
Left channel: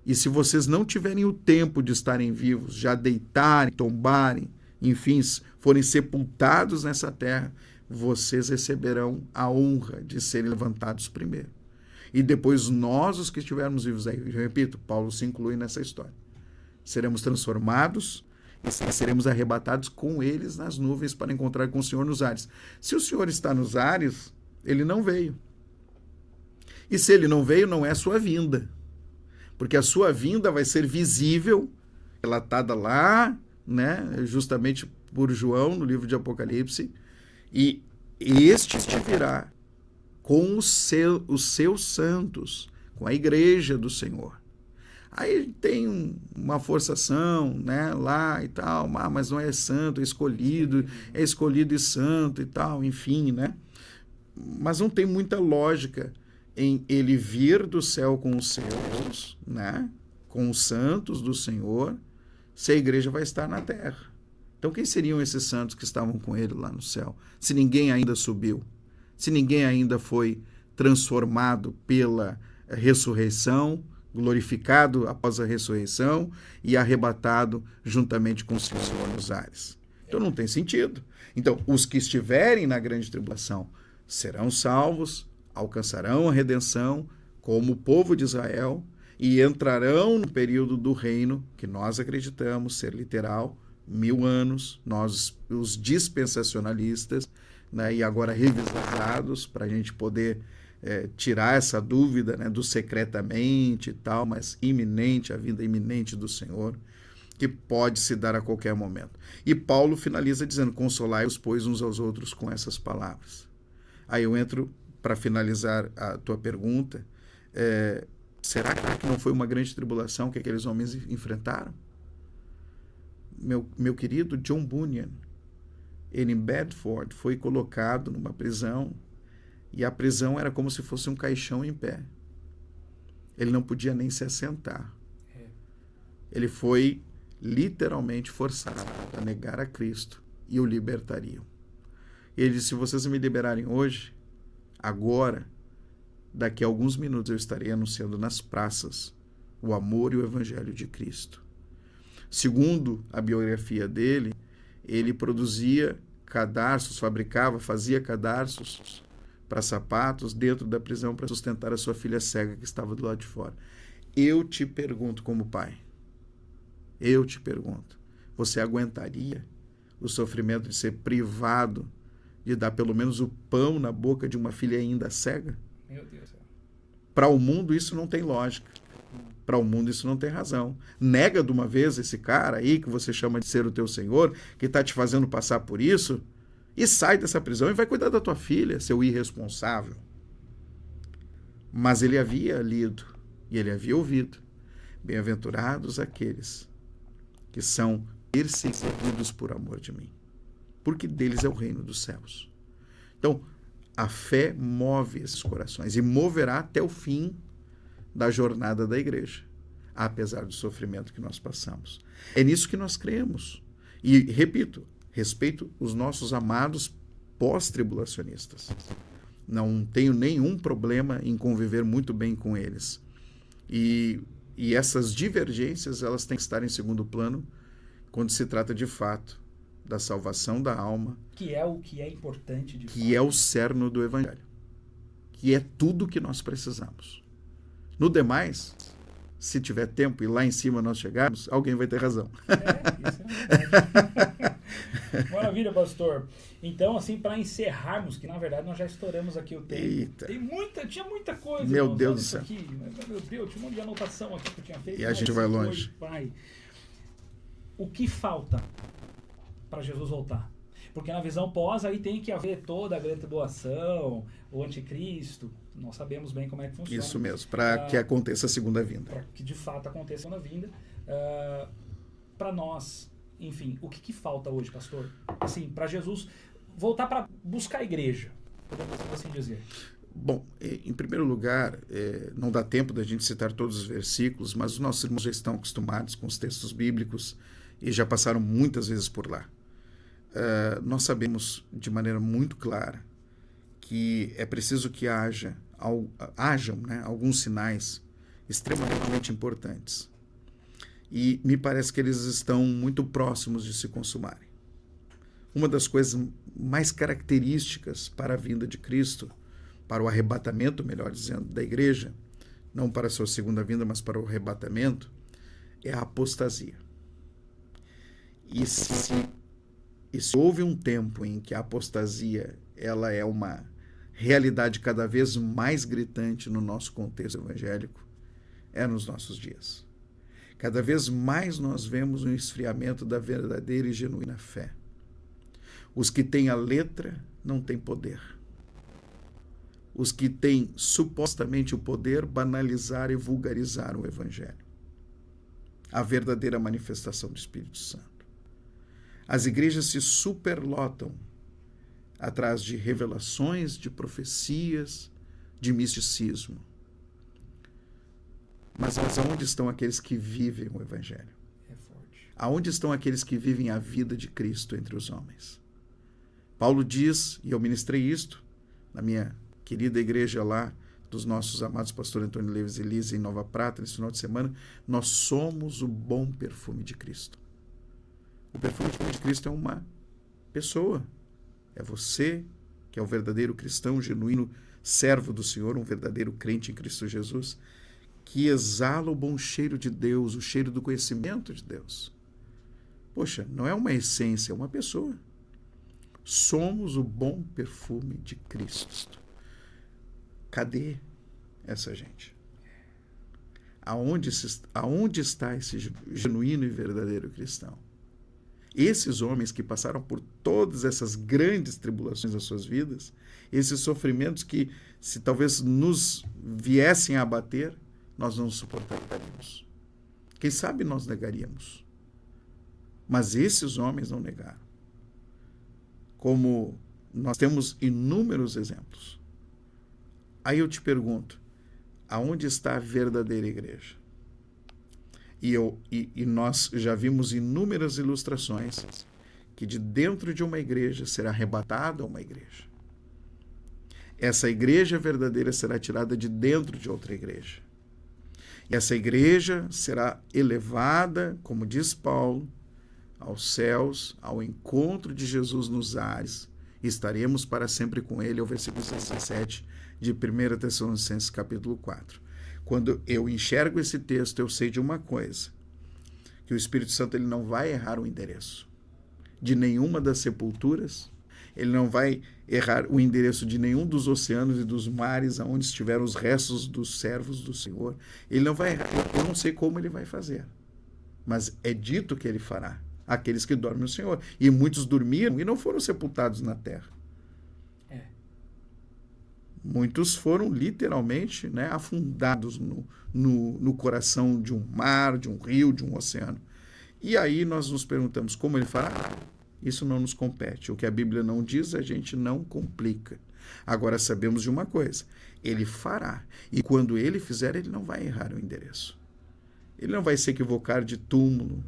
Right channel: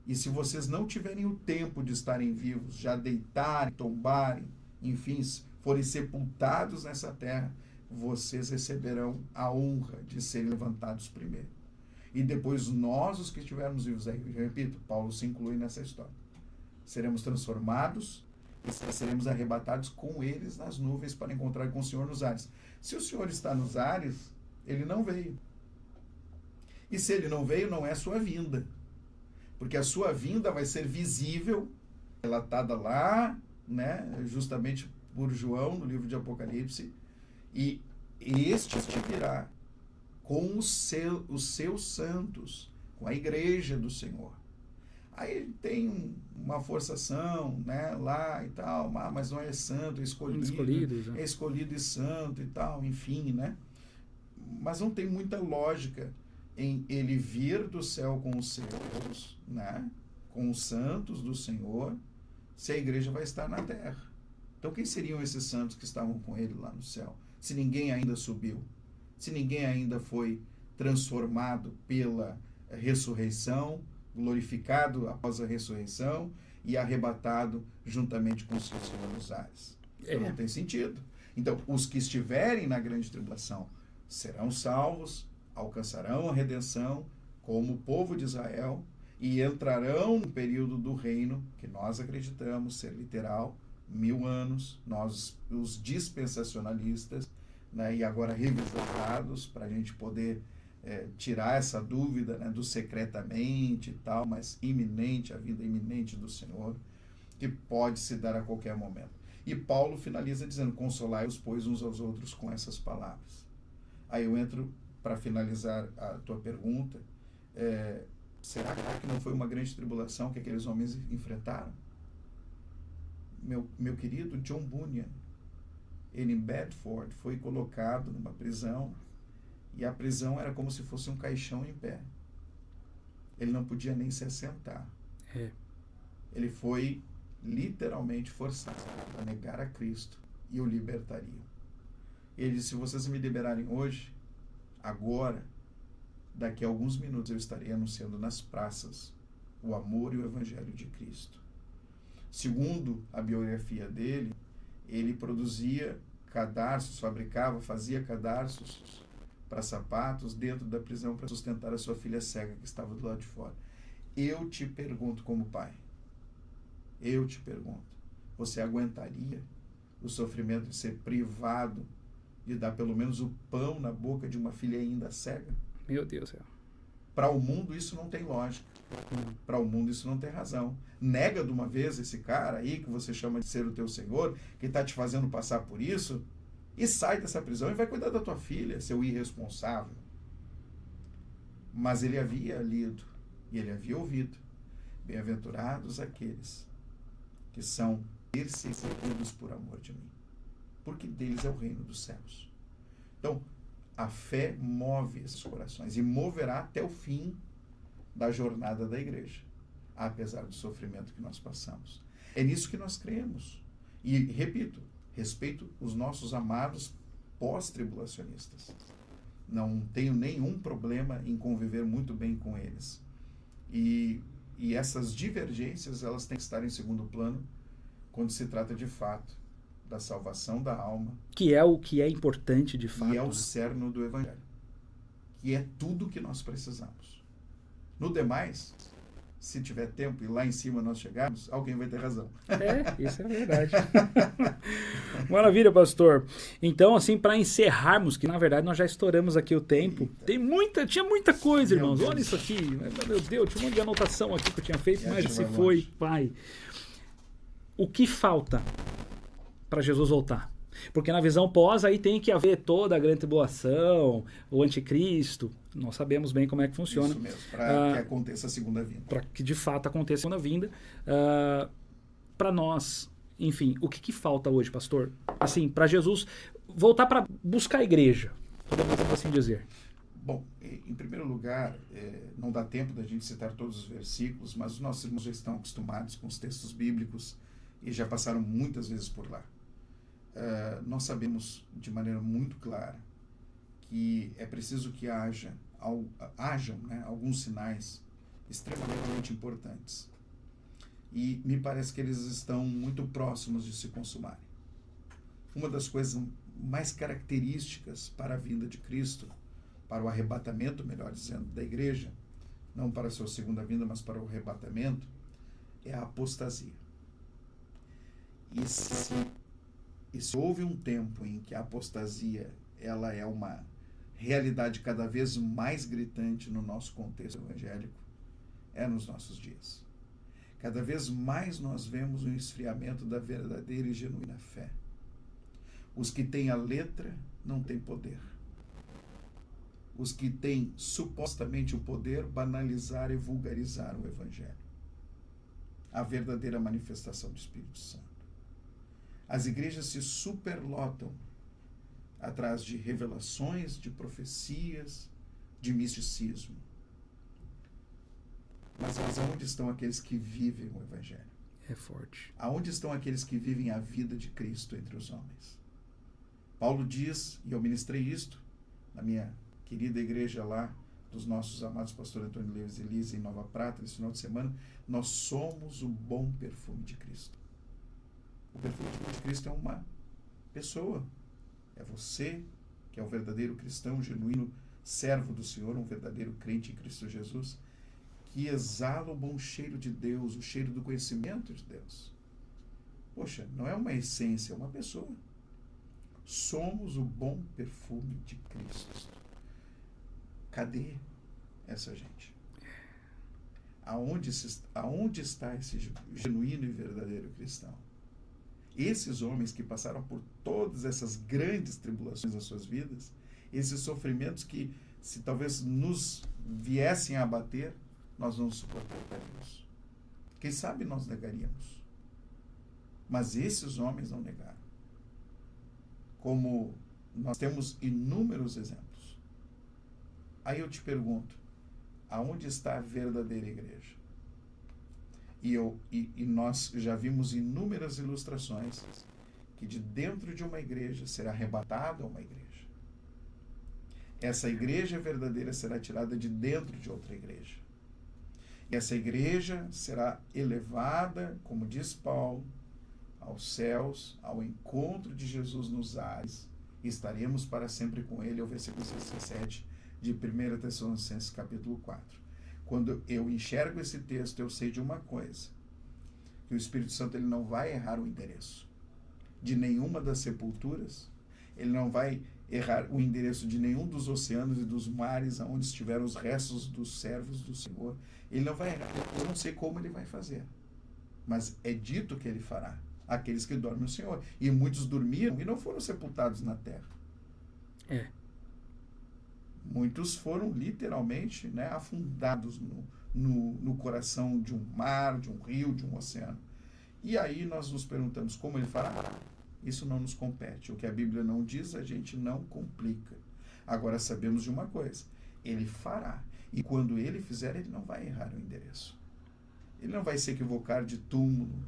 e se vocês não tiverem o tempo de estarem vivos, já deitarem, tombarem, enfim, forem sepultados nessa terra, vocês receberão a honra de serem levantados primeiro. E depois nós, os que estivermos vivos aí, eu repito, Paulo se inclui nessa história, seremos transformados e seremos arrebatados com eles nas nuvens para encontrar com o Senhor nos ares. Se o Senhor está nos ares, ele não veio. E se ele não veio, não é a sua vinda. Porque a sua vinda vai ser visível, relatada lá, né, justamente por João, no livro de Apocalipse, e este virá com os seus santos, com a igreja do Senhor. Aí tem uma forçação, né, lá e tal, mas não é santo, é escolhido e santo e tal, enfim, né? Mas não tem muita lógica em ele vir do céu com os seus, né, com os santos do Senhor, se a igreja vai estar na terra. Então quem seriam esses santos que estavam com ele lá no céu? Se ninguém ainda subiu, se ninguém ainda foi transformado pela ressurreição, glorificado após a ressurreição e arrebatado juntamente com o Senhor nos ares. Então não tem sentido. Então, os que estiverem na grande tribulação serão salvos, alcançarão a redenção como o povo de Israel e entrarão no período do reino que nós acreditamos ser literal, 1000 anos, nós os dispensacionalistas, né, e agora revisados para a gente poder tirar essa dúvida, né, do secretamente e tal, mas iminente, a vinda iminente do Senhor, que pode se dar a qualquer momento. E Paulo finaliza dizendo: consolai-os, pois, uns aos outros com essas palavras. Aí eu entro para finalizar a tua pergunta. Será que não foi uma grande tribulação que aqueles homens enfrentaram? Meu querido John Bunyan, ele em Bedford foi colocado numa prisão, e a prisão era como se fosse um caixão em pé. Ele não podia nem se assentar. Ele foi literalmente forçado a negar a Cristo, e o libertariam. E ele disse: se vocês me liberarem hoje, agora, daqui a alguns minutos eu estarei anunciando nas praças o amor e o evangelho de Cristo. Segundo a biografia dele, ele produzia cadarços, fazia cadarços para sapatos dentro da prisão para sustentar a sua filha cega que estava do lado de fora. Eu te pergunto como pai, você aguentaria o sofrimento de ser privado de dar pelo menos o pão na boca de uma filha ainda cega? Meu Deus do céu. Para o mundo isso não tem lógica. Para o mundo isso não tem razão. Nega de uma vez esse cara aí que você chama de ser o teu Senhor, que está te fazendo passar por isso, e sai dessa prisão e vai cuidar da tua filha, seu irresponsável. Mas ele havia lido e ele havia ouvido: bem-aventurados aqueles que são perseguidos por amor de mim, porque deles é o reino dos céus. Então, a fé move esses corações e moverá até o fim da jornada da igreja, apesar do sofrimento que nós passamos. É nisso que nós cremos. E, repito, respeito os nossos amados pós-tribulacionistas. Não tenho nenhum problema em conviver muito bem com eles. E essas divergências, elas têm que estar em segundo plano quando se trata de fato da salvação da alma. Que é o que é importante de fato. E é o cerne do evangelho. que é tudo que nós precisamos. No demais, se tiver tempo e lá em cima nós chegarmos, alguém vai ter razão. Isso é verdade. Maravilha, pastor. Então, assim, para encerrarmos, que na verdade nós já estouramos aqui o tempo. Eita. Tinha muita coisa, Meu irmãos. Deus Olha do isso céu. aqui. Meu Deus, tinha um monte de anotação aqui que eu tinha feito, E a mas gente se vai foi, longe. pai. O que falta para Jesus voltar? Porque na visão pós aí tem que haver toda a grande tribulação, o anticristo. Nós sabemos bem como é que funciona. Isso mesmo, para que aconteça a segunda vinda. Para que de fato aconteça a segunda vinda. Para nós, enfim, o que falta hoje, pastor? Assim, para Jesus voltar para buscar a igreja, podemos assim dizer. Bom, em primeiro lugar, não dá tempo da gente citar todos os versículos, mas os nossos irmãos já estão acostumados com os textos bíblicos e já passaram muitas vezes por lá. Nós sabemos de maneira muito clara que é preciso que hajam, né, alguns sinais extremamente importantes. E me parece que eles estão muito próximos de se consumarem. Uma das coisas mais características para a vinda de Cristo, para o arrebatamento, melhor dizendo, da igreja, não para a sua segunda vinda, mas para o arrebatamento, é a apostasia. E se houve um tempo em que a apostasia ela é uma realidade cada vez mais gritante no nosso contexto evangélico, é nos nossos dias. Cada vez mais nós vemos um esfriamento da verdadeira e genuína fé. Os que têm a letra não têm poder. Os que têm supostamente o poder banalizaram e vulgarizaram o evangelho. A verdadeira manifestação do Espírito Santo. As igrejas se superlotam atrás de revelações, de profecias, de misticismo. Mas aonde estão aqueles que vivem o Evangelho? É forte. Aonde estão aqueles que vivem a vida de Cristo entre os homens? Paulo diz, e eu ministrei isto na minha querida igreja lá, dos nossos amados pastor Antônio Leves e Lisa em Nova Prata, nesse final de semana, nós somos o bom perfume de Cristo. O perfume de Cristo é uma pessoa. É você, que é o verdadeiro cristão, genuíno servo do Senhor, um verdadeiro crente em Cristo Jesus, que exala o bom cheiro de Deus, o cheiro do conhecimento de Deus. Poxa, não é uma essência, é uma pessoa. Somos o bom perfume de Cristo. Cadê essa gente? Aonde está esse genuíno e verdadeiro cristão? Esses homens que passaram por todas essas grandes tribulações das suas vidas, esses sofrimentos que, se talvez nos viessem a abater, nós não suportaríamos. Quem sabe nós negaríamos. Mas esses homens não negaram. Como nós temos inúmeros exemplos. Aí eu te pergunto, aonde está a verdadeira igreja? E nós já vimos inúmeras ilustrações que de dentro de uma igreja será arrebatada uma igreja. Essa igreja verdadeira será tirada de dentro de outra igreja. E essa igreja será elevada, como diz Paulo, aos céus, ao encontro de Jesus nos ares, e estaremos para sempre com ele, é o versículo 17 de 1 Tessalonicenses capítulo 4. Quando eu enxergo esse texto, eu sei de uma coisa, que o Espírito Santo ele não vai errar o endereço de nenhuma das sepulturas, ele não vai errar o endereço de nenhum dos oceanos e dos mares aonde estiveram os restos dos servos do Senhor. Ele não vai errar, eu não sei como ele vai fazer, mas é dito que ele fará, aqueles que dormem no Senhor. E muitos dormiram e não foram sepultados na terra. Muitos foram literalmente, né, afundados no coração de um mar, de um rio, de um oceano. E aí nós nos perguntamos como ele fará? Isso não nos compete. O que a Bíblia não diz, a gente não complica. Agora sabemos de uma coisa, ele fará. E quando ele fizer, ele não vai errar o endereço. Ele não vai se equivocar de túmulo.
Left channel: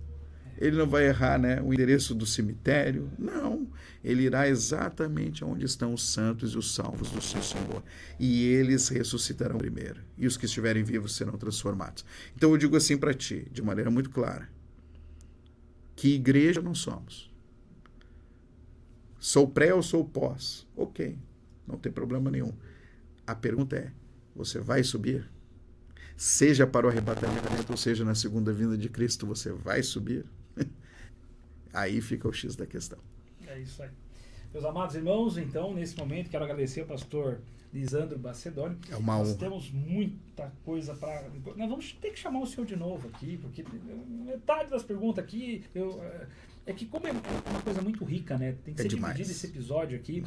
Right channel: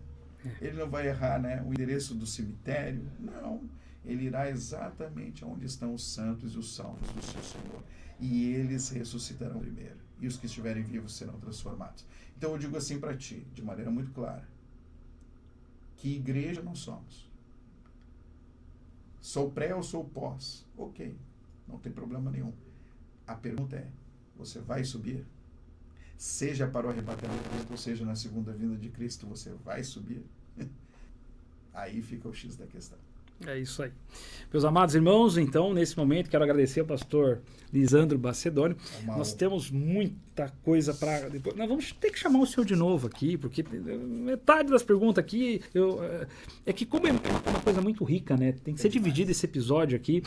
Ele não vai errar, né, o endereço do cemitério. Não. Ele irá exatamente onde estão os santos e os salvos do seu Senhor. E eles ressuscitarão primeiro. E os que estiverem vivos serão transformados. Então eu digo assim para ti, de maneira muito clara. Que igreja nós somos? Sou pré ou sou pós? Ok, não tem problema nenhum. A pergunta é, você vai subir? Seja para o arrebatamento, ou seja, na segunda vinda de Cristo, você vai subir? Aí fica o X da questão. É isso aí. Meus amados irmãos, então, nesse momento, quero agradecer ao pastor Lisandro Bacedoni. Nós temos muita coisa para... Nós vamos ter que chamar o senhor de novo aqui, porque metade das perguntas aqui... É que como é uma coisa muito rica, né? Tem que ser dividido esse episódio aqui,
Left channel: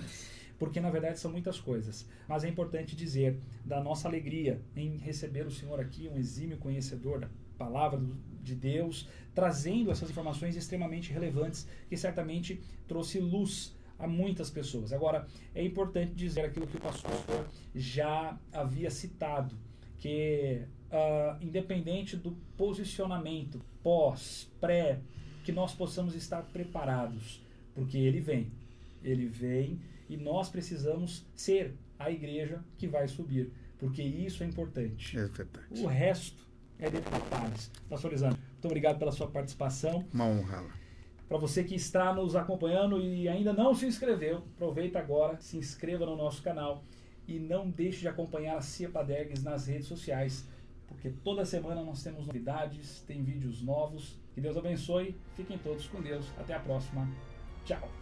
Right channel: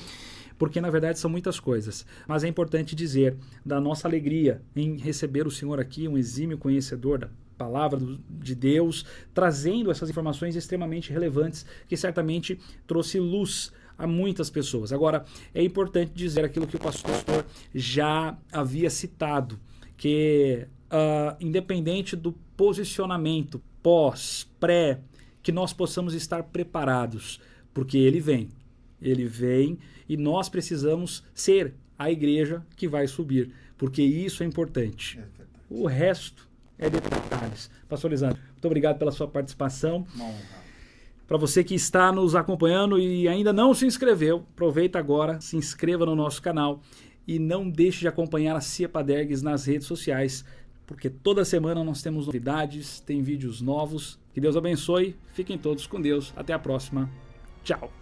porque na verdade são muitas coisas. Mas é importante dizer da nossa alegria em receber o senhor aqui, um exímio conhecedor da palavra de Deus, trazendo essas informações extremamente relevantes, que certamente trouxe luz a muitas pessoas. Agora, é importante dizer aquilo que o pastor já havia citado, que independente do posicionamento pós, pré, que nós possamos estar preparados, porque ele vem e nós precisamos ser a igreja que vai subir, porque isso é importante. É verdade. O resto é detalhes. Pastor Lisandro, muito obrigado pela sua participação. Uma honra. Para você que está nos acompanhando e ainda não se inscreveu, aproveita agora, se inscreva no nosso canal e não deixe de acompanhar a Cia Padergues nas redes sociais, porque toda semana nós temos novidades, tem vídeos novos. Que Deus abençoe, fiquem todos com Deus. Até a próxima. Tchau.